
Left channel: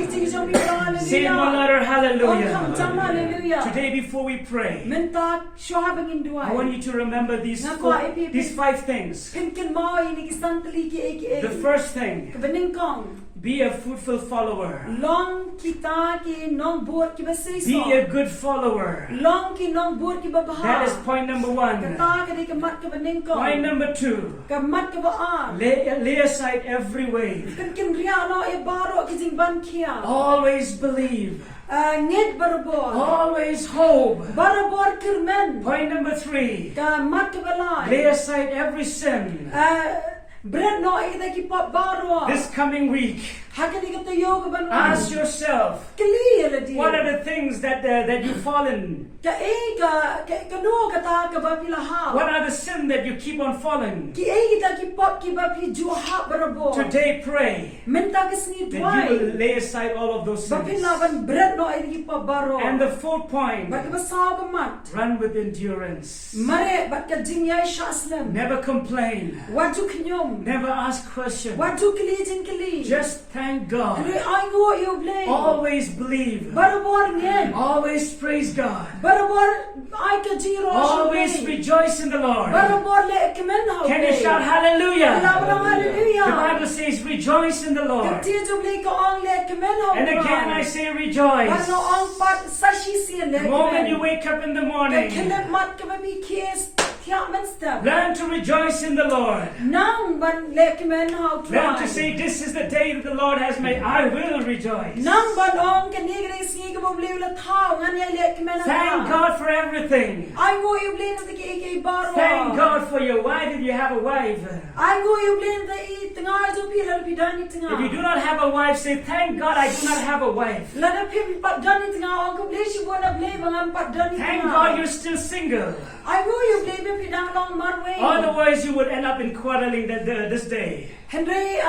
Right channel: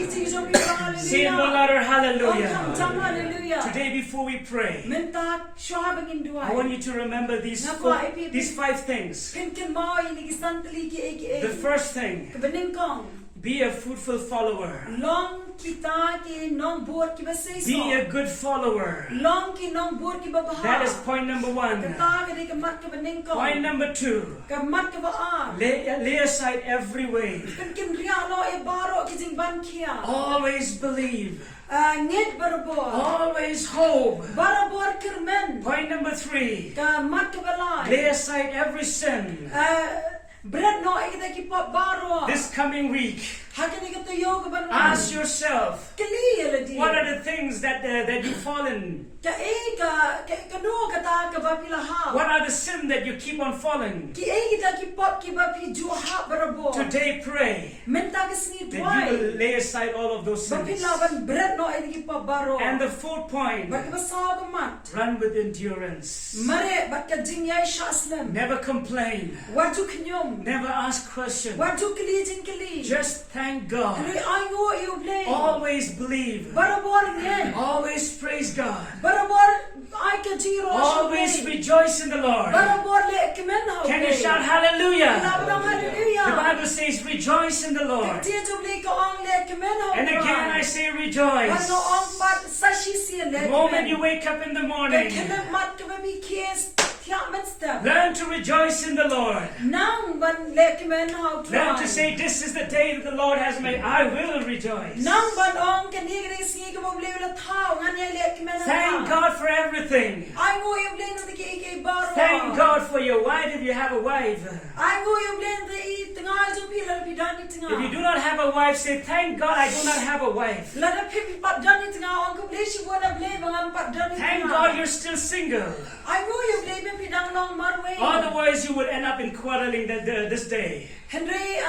Say in the letter hallelujah. Today before we pray, Mentak shwa bangin I duai. want you to remember these 5 things. Pinkin mau ini ki santli ki ek The first thing, Kebening kong. be a fruitful follower. Long kita ki nong buat ki basay Be so. a good follower. Long ki nong buat ki babaha. That is point number 1. Kata ka di kamat ka bening kong. Point number 2, Kamat ka baar. lay aside every way. Pinkin ria no e baro ki jing ban kia. Always believe. Ngit barabor. Always hope. Barabor kirmen. Point number 3, Kamat ka balay. lay aside every sin. Bread no kita ki pot baro. This coming week, Hakani kita yo ka ban. ask yourself, Kali ala di. what are the things that you've fallen? Ka ka no kata ka ba pila ha. What are the sin that you keep on falling? Ki kita ki pot ki ba pi ju ha barabo. Today pray Menta ka sni that you dwai. will lay aside all of those Ba sins. pila ban bread no ki pot baro. And the fourth point, Ba ka sa ka mat. run with endurance. Mare ba ka jingyai shaslam. Never complain. Watu knyom. Never ask questions. Watu kali jing kali. Just thank God. Hani ay ngo you blame. Always believe. Barabor ngen. Always praise God. Barabor ay ka jiro Always rejoice in the Lord. Barabor le kemen ha. Can you shout hallelujah? Hallelujah. The Bible says rejoice in the Lord. Kati jubli ka ong le kemen ha. And again I say rejoice. Ano ong pat sashi siya le The moment you kemen. wake up in the Ka morning, kemen mat ka ba bi kies. Tiyak men step. learn to rejoice in the Lord. Nang ban le kemen ha. Learn to say, this is the day that the Lord has made. I will rejoice. Nang ban ong kanigre singi ka ba bli ula tao nganya le kemen ha. Thank God for everything. Ay ngo you blame na ki ikay baro. Thank God for your wife if you have a wife. Ay ngo you blame na i tengah ju pila bidani tengah. If you do not have a wife, say, thank God I do not have a wife. Lada pim pat dani tengah ong ka bli si buat bli bangam pat dani tengah. Thank God you're still single. I ngo you blame pidang long marway. Otherwise, you would end up in quarreling this day. Henry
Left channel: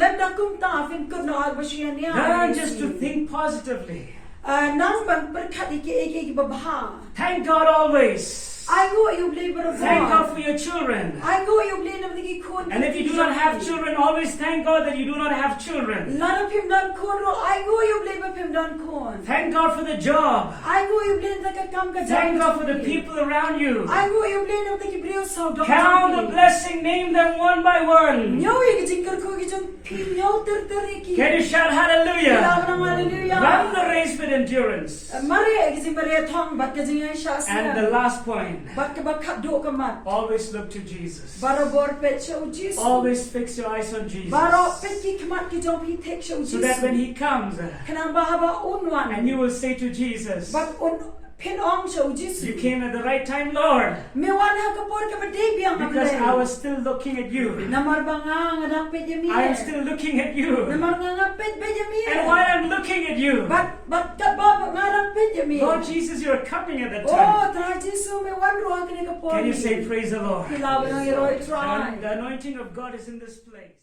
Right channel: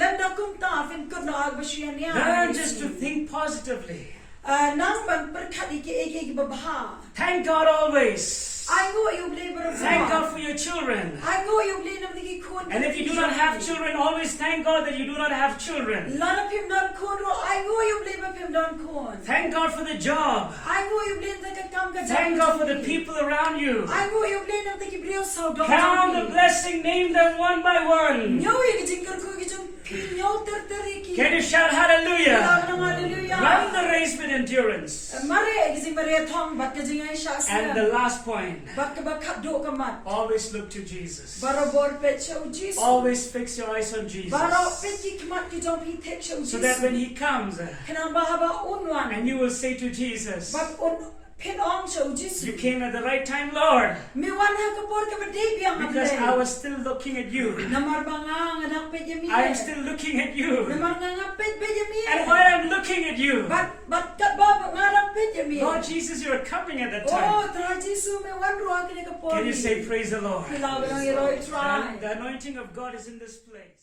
lenda kumta fin kun no agbashiyan niya. Learn just to think positively. Nang ban perkat iki babha. Thank God always. I ngo you blame baro. Thank God for your children. I ngo you blame nam digi kun. And if you do not have children, always thank God that you do not have children. Lada pim dan kun ro. I ngo you blame pim dan kun. Thank God for the job. I ngo you blame ka kam ka. Thank God for the people around you. I ngo you blame nam digi brio so dog. Count the blessing, name them one by one. Nyo yung jingkar ko gijong pinyo ter-teriki. Can you shout hallelujah? Hallelujah. Run the race with endurance. Mari gijing bari thong bat gijing ay siya And the last point, bat ka ba do ka mat. always look to Jesus. Baro bor pet siya o Jesus. Always fix your eyes on Jesus. Baro pet ki kamat gijong hitek siya o So that Jesus. when He comes, Kanang bahaba unwan. and you will say to Jesus, Bat pin ong siya o Jesus. you came at the right time, Lord, Miwan ha kapor ka ba biyang because I ablay. was still looking at you. Namar ba nga nga dang pet yami. I am still looking at you. Namar nga pet ba yami. And while I'm looking at you, Bat ka ba nga dang pet yami. Lord Jesus, you are coming at that Oh, time. tra Jesus, may wandro ang kini kapor. Can you say praise the Lord? Kailangan ng hero try. The anointing of God is in this place.